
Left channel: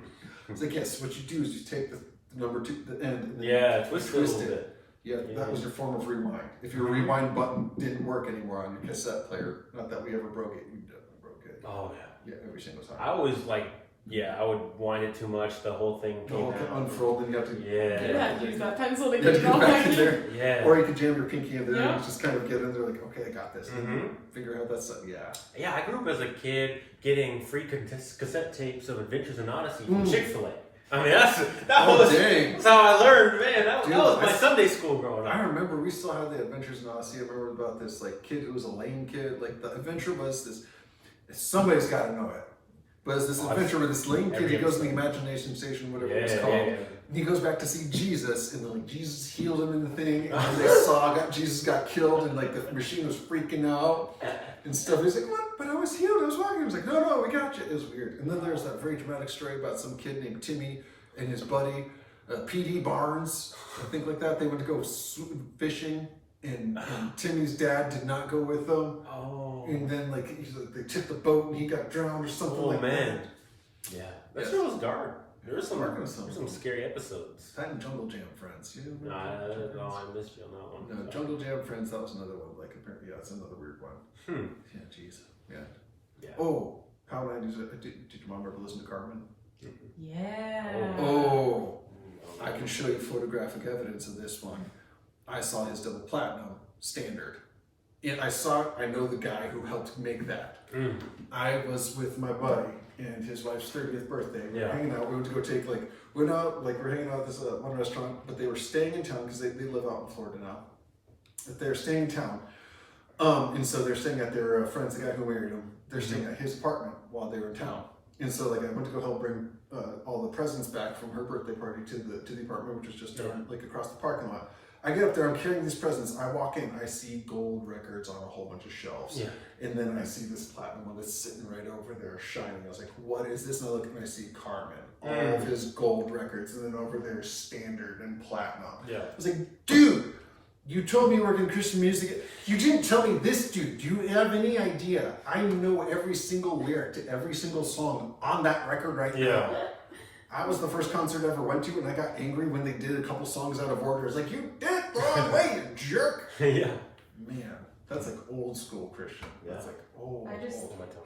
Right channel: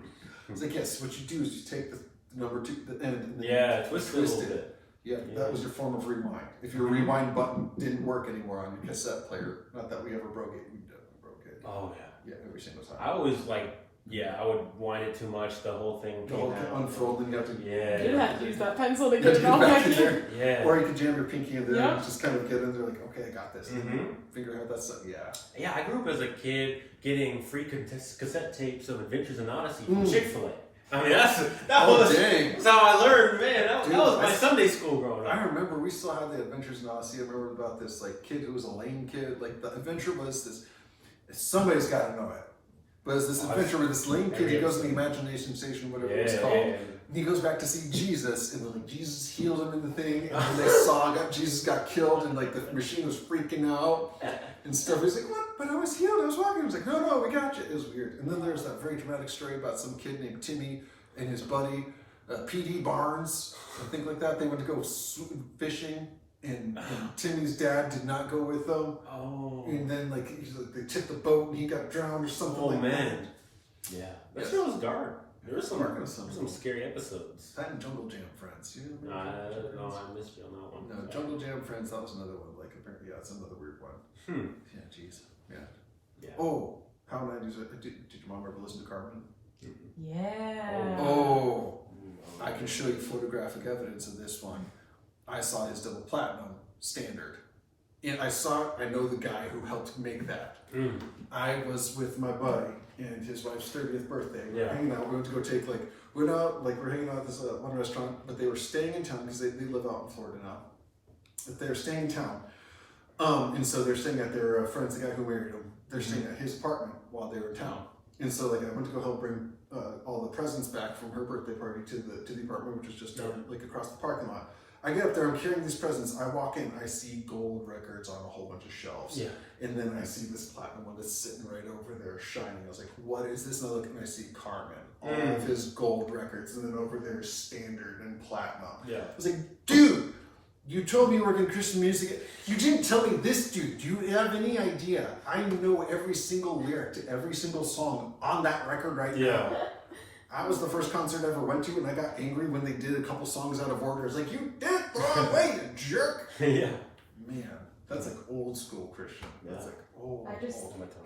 It's like, yes, what you do is you take the number 2, the end, and then you twist it. Yeah, that was your form of rewind. If your rewind button didn't work anymore on your cassette player, not that we ever broke it, we definitely broke it. Oh, yeah. Yeah, every single time. I always I would wind it too much. The whole thing came out. Unfurled, then you have to. Yeah. You have to use that pencil to get it back in there. Yeah. Or you could jam your pinky in there and just kind of get in there, like, okay, I got this. Mm-hmm. Figure out that's yeah. Yeah, I grew up as a kid getting free cassette tapes of Adventures in Odyssey from Chick-fil-A. I mean, that's how I learned, man. That was my Sunday school growing up. I remember we still had the Adventures in Odyssey. I remember about this kid who was a lame kid. Like the adventure was this. Somebody's got to know it. But it's this adventure where this lame kid, he goes to the imagination station, whatever it was called. And he goes back to see Jesus, and then Jesus healed him in the thing, and then they saw Jesus got killed, and the machine was freaking out and stuff. He's like, what? But I was healed, I was walking. I was like, no, we got you. It was weird. And then there's that very dramatic story about some kid named Timmy and his buddy, P.D. Barnes, I think like that. They went to go fishing. And Timmy's dad did not go with them. Oh. And then they took the boat and he got drowned or something that. Yeah. That show was dark. There were some scary episodes. That and Jungle Jam Friends. You no, I missed you on that one. No, Jungle Jam Friends, that was another one. Apparently, it's another weird one. Yeah, jeez. Yeah. Oh, how 90s. Did your mom ever listen to Carmen? Yeah. Oh, I can show you photographic evidence of this one. I saw his double platinum standard. And I know the guy who helped make that. I was with my buddy and his wife's 30th birthday. We were hanging out. We went to go we're hanging out at this one restaurant, but they were staying in town because they live out in Florida now. But they're staying in town. And so they're staying at their friend's, the guy who married them. They're staying at his apartment while they were in town. And so I went to go help bring all the presents back from her birthday party to the apartment, which was just down across the parking lot. I get up there, I'm carrying these presents. I walk in, I see gold records on a whole bunch of shelves. Yeah. And then I see this platinum one that's sitting right over there shining. I was like, what is this? And I look and I see Carmen, all of his gold records. And then over there, standard and platinum. Yeah. I was like, dude, you told me you work in Christian music. You didn't tell me this, dude. Do you have any idea? I know every single lyric to every single song on that record right now. I was the first concert I ever went to, and I got angry when they did a couple songs out of order. It's like, you did it the wrong way, you jerk. Yeah. Man, That's like old school Christian. Yeah. That's like old.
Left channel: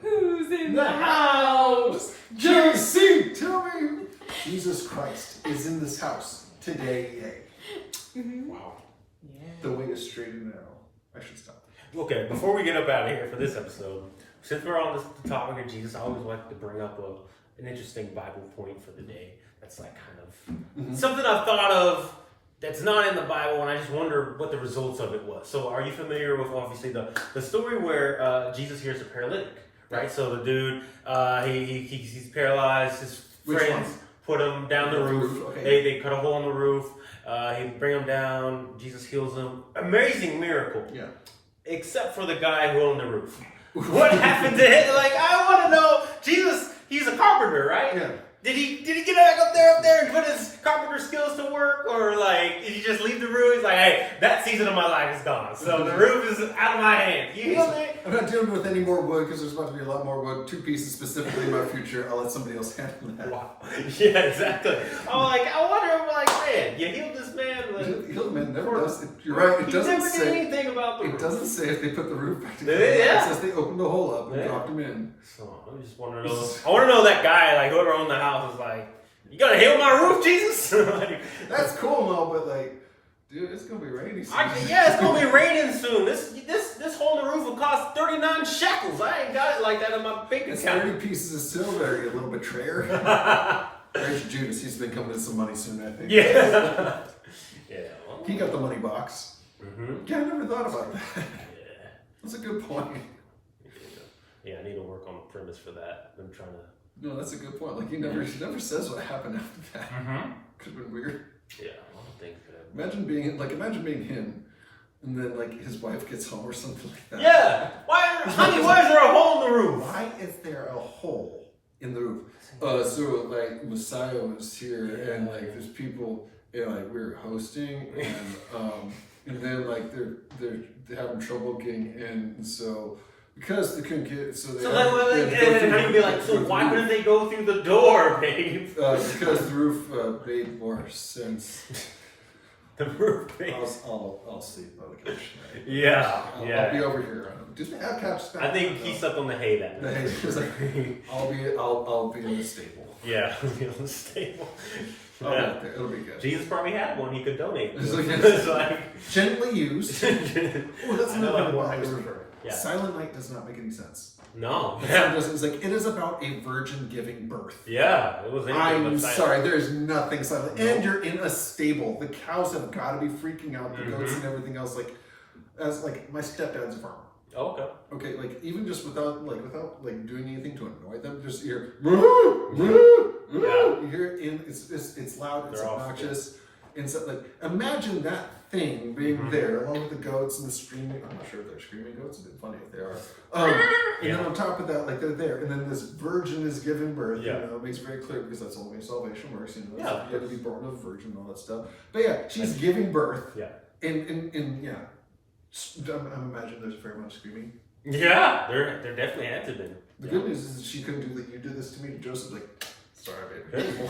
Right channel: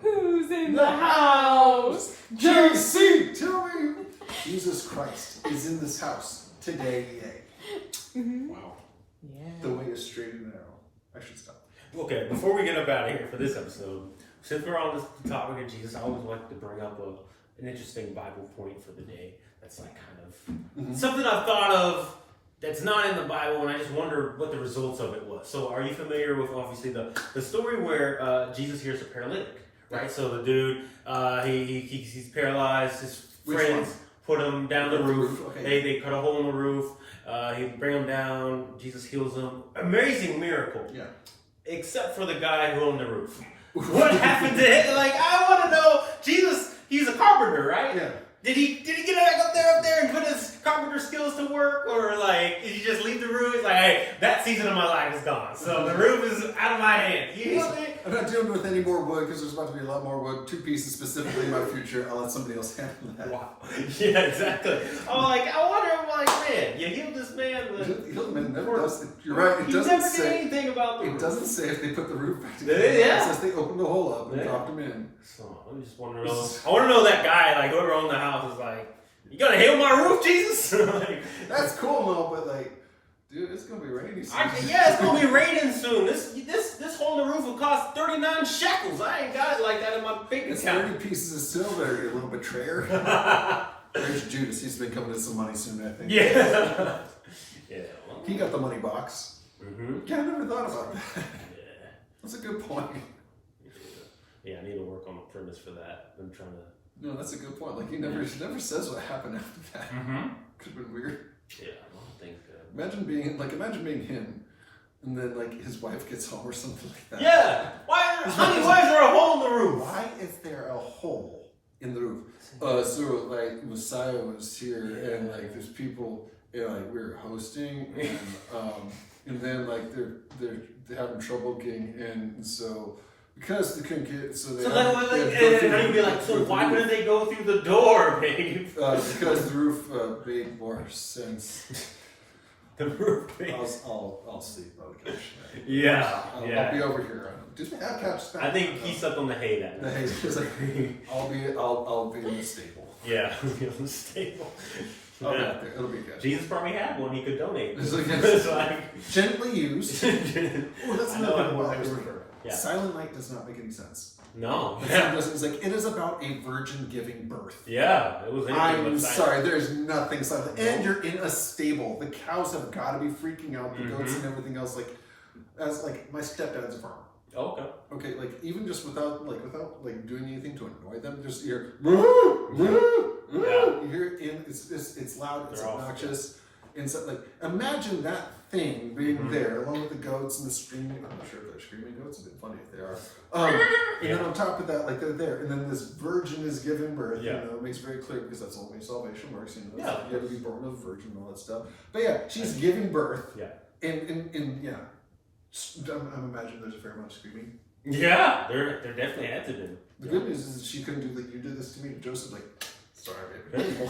Who's in the house? JC, tell me. Jesus Christ is in this house today. Yay. Mm-hmm. Wow. Yeah. The way is straight and narrow. I should stop. Okay, before we get up out of here for this episode, since we're on this topic of Jesus, I always like to bring up an interesting Bible point for the day. That's like kind of something I've thought of that's not in the Bible, and I just wonder what the results of it was. So are you familiar with, obviously, the story where Jesus hears a paralytic, right? So the dude, he's paralyzed, his friends put him down the roof. Okay. They cut a hole in the roof. He bring him down. Jesus heals him. Amazing miracle. Yeah. Except for the guy who owned the roof. What happened to him? Like, I want to know. Jesus, he's a carpenter, right? Yeah. Did he get back up there and put his carpenter skills to work? Or like, did he just leave the room? He's like, hey, that season of my life is gone. So the roof is out of my hands. You heal me? I'm not dealing with any more wood because there's about to be a lot more wood. 2 pieces specifically in my future. I'll let somebody else handle that. Wow. Yeah, exactly. I'm like, I wonder, I'm like, man, you healed this man. Healed the man never does. You're right. It doesn't never say did anything about the roof. It doesn't say if they put the roof back together. Yeah. It says they opened the hole up and dropped him in. So I just want to know. I want to know that guy, like whoever owned the house, is like, you gonna heal my roof, Jesus? Like, that's cool and all, but like, dude, it's gonna be rainy soon. It's gonna be raining soon. This hole in the roof will cost 39 shekels. I ain't got it like that in my bank account. 30 pieces of silver, you little betrayer. There's Judas. He's been coming in some money soon, I think. Yeah. Yeah. Well, he got the money box. Mm-hmm. Yeah, I never thought about that. Yeah. That's a good point. Yeah, I need to work on the premise for that. I've been trying to. No, that's a good point. Like he never says what happened after that. Mm-hmm. Could have been weird. Yeah, I don't think that. Imagine being him, and then like his wife gets home or something like that. Yeah. Why is there a hole in the roof? Why is there a hole in the roof? So like Messiah was here, and like there's people, like we were hosting, and then like they're having trouble getting in, and so. Because they couldn't get so and be like, so why couldn't they go through the door, babe? Because the roof made more sense. The roof made. I'll sleep by the couch. Yeah, I'll be over here. Do they have couch? I think he slept on the hay that night. The hay. It's like, I'll be in the stable. Yeah, I'll be in the stable. I'll be out there. It'll be good. Jesus probably had one he could donate. It's like gently used. Oh, that's another one. Yeah. Silent Night does not make any sense. No. It's like, it is about a virgin giving birth. Yeah, it was anything I'm sorry, there's nothing silent. No. And you're in a stable. The cows have got to be freaking out. The goats and everything else. Like, as like my stepdad's a farmer. Oh, okay. Okay, like even just without doing anything to annoy them, just hear. Yeah. You hear it in. It's loud. It's obnoxious. And so, like, imagine that thing being there along with the goats and the screaming. I'm not sure if they're screaming goats. It'd be funny if they are. And then on top of that, like they're there, and then this virgin is giving birth. Yeah. You know, it makes it very clear because that's the only way salvation works. You know, yeah. You had to be born of a virgin and all that stuff. But yeah, she's giving birth. Yeah. And yeah, I'm imagining there's a fair amount of screaming. Yeah, there definitely had to be. The good news is she couldn't do like you did this to me. Joseph like, sorry, baby.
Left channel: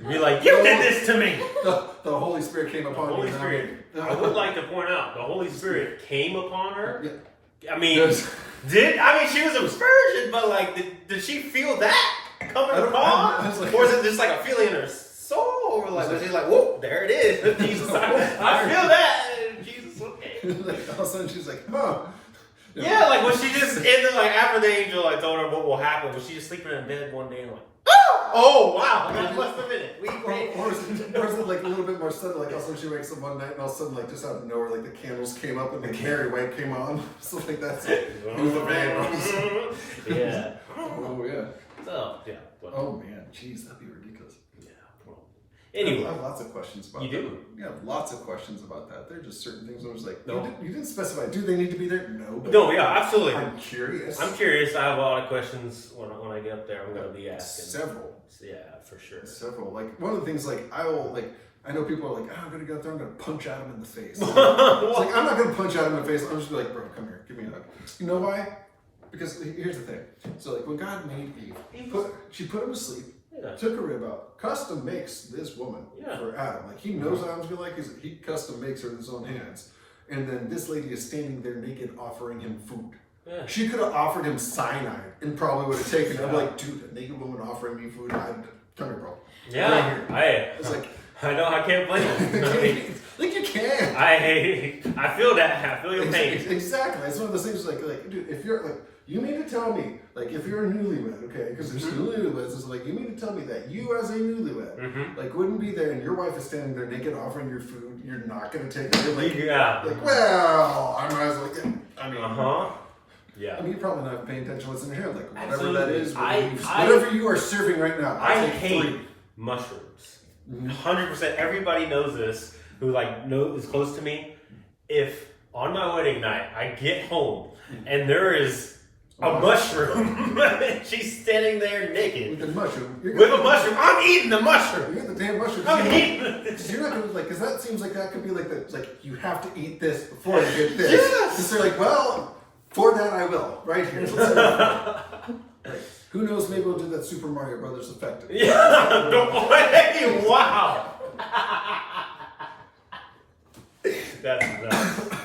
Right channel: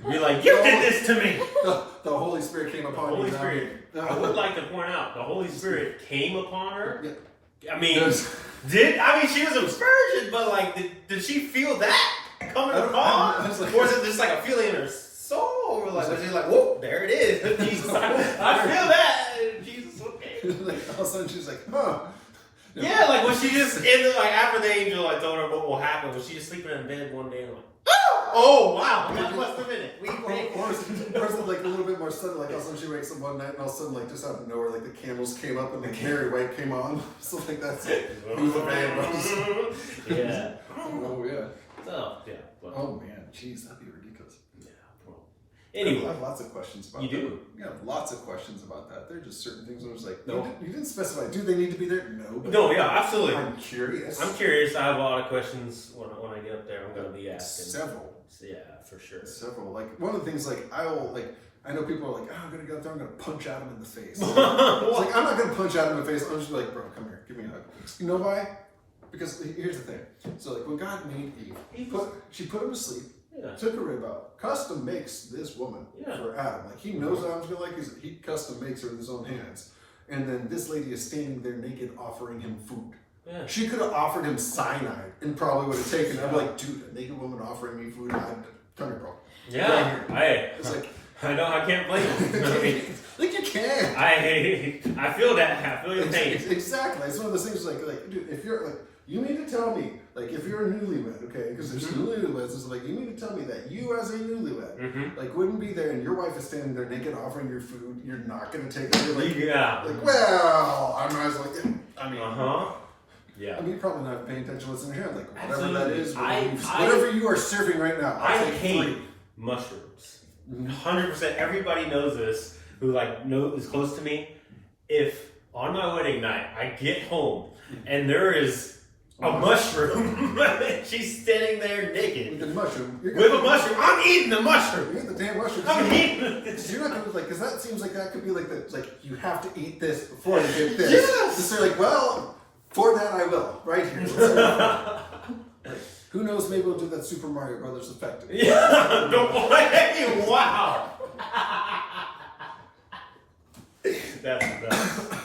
You're like, you did this to me. The Holy Spirit came upon the Holy you. Spirit. I would like to point out, the Holy Spirit came upon her. Yeah. I mean, she was a virgin, but like, did she feel that coming upon? Or is it just like a feeling in her soul? Or like, was she like, whoa, there it is. Jesus, I feel that. Jesus, okay. Like, all of a sudden she's like, huh. Yeah, like when she just ended, like after the angel like told her what will happen, was she just sleeping in bed one day and like, oh wow, that must have been it. Or is it like a little bit more sudden, like all of a sudden she wakes up one night and all of a sudden like just out of nowhere like the candles came up and the Mary White came on. So like that's who the band was. Yeah. Oh yeah. So yeah. But, oh man, jeez, that'd be ridiculous. Yeah. Well, anyway, I have lots of questions about that. You do? Yeah, lots of questions about that. There are just certain things I was like, no. You didn't specify. Do they need to be there? No. No, yeah, absolutely. I'm curious. I have a lot of questions when I get up there. I'm going to be asking. Several. Yeah, for sure. Several. Like one of the things, like I know people are like, I'm gonna go up there, I'm gonna punch Adam in the face. It's like I'm not gonna punch Adam in the face. I'm just like, bro, come here, give me a hug. You know why? Because here's the thing. So like when God made Eve, she put him to sleep. Yeah. Took a rib out, custom makes this woman for Adam. Like he knows what Adam's gonna like. He custom makes her with his own hands, and then this lady is standing there naked offering him food. Yeah. She could have offered him cyanide and probably would have taken it. I'm like, dude, a naked woman offering me food, come here, bro. Yeah, right it's like, I know, I can't blame you. like you can. I feel that. I feel your pain. Exactly. It's one of those things like, dude, if you're like, you mean to tell me, like, if you're a newlywed, okay, because there's newlyweds, it's like, you mean to tell me that you as a newlywed, like, wouldn't be there and your wife is standing there naked offering your food, you're not going to take it? You're like, like, well, I might as well get, I mean, yeah. I mean, you're probably not paying attention to what's in your hand, like, whatever Absolutely. that is, whatever you are serving right now. I hate mushrooms. 100%. Everybody knows this who is close to me. If on my wedding night I get home and there is a mushroom, she's standing there naked with a mushroom. I'm eating the mushroom. You eat the damn mushroom. I'm eating it. You're not gonna because that seems like that could be like you have to eat this before you get this. Yes. So they're like, well, for that I will right here. Like, who knows? Maybe we'll do that Super Mario Brothers effect. Yeah. No way. Wow. That's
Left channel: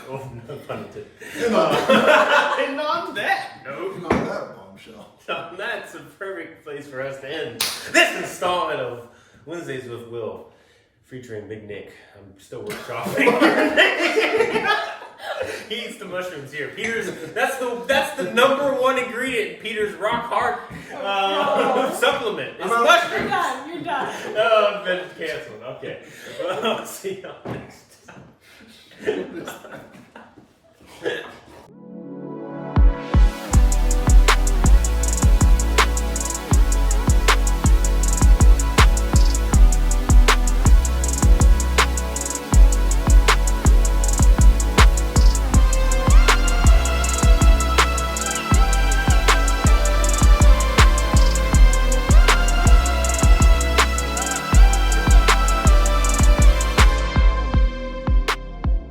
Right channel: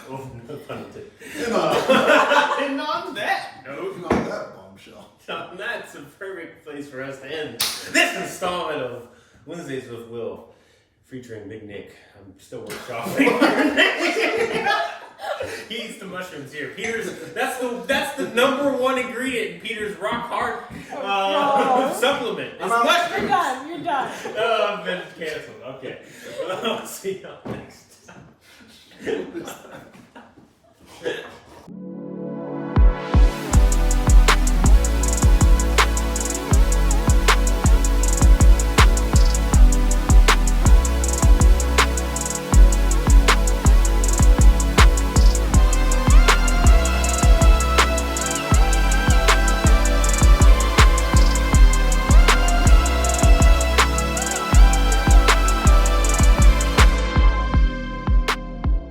oh, no pun intended. And on that note, on that bombshell. That's a perfect place for us to end this installment of Wednesdays with Will, featuring Big Nick. I'm still workshopping. He eats the mushrooms here. Peter's that's the number one ingredient in Peter's rock hard supplement. It's mushrooms. You're done. Oh, I've been canceled. Okay. Well, I'll see y'all next time.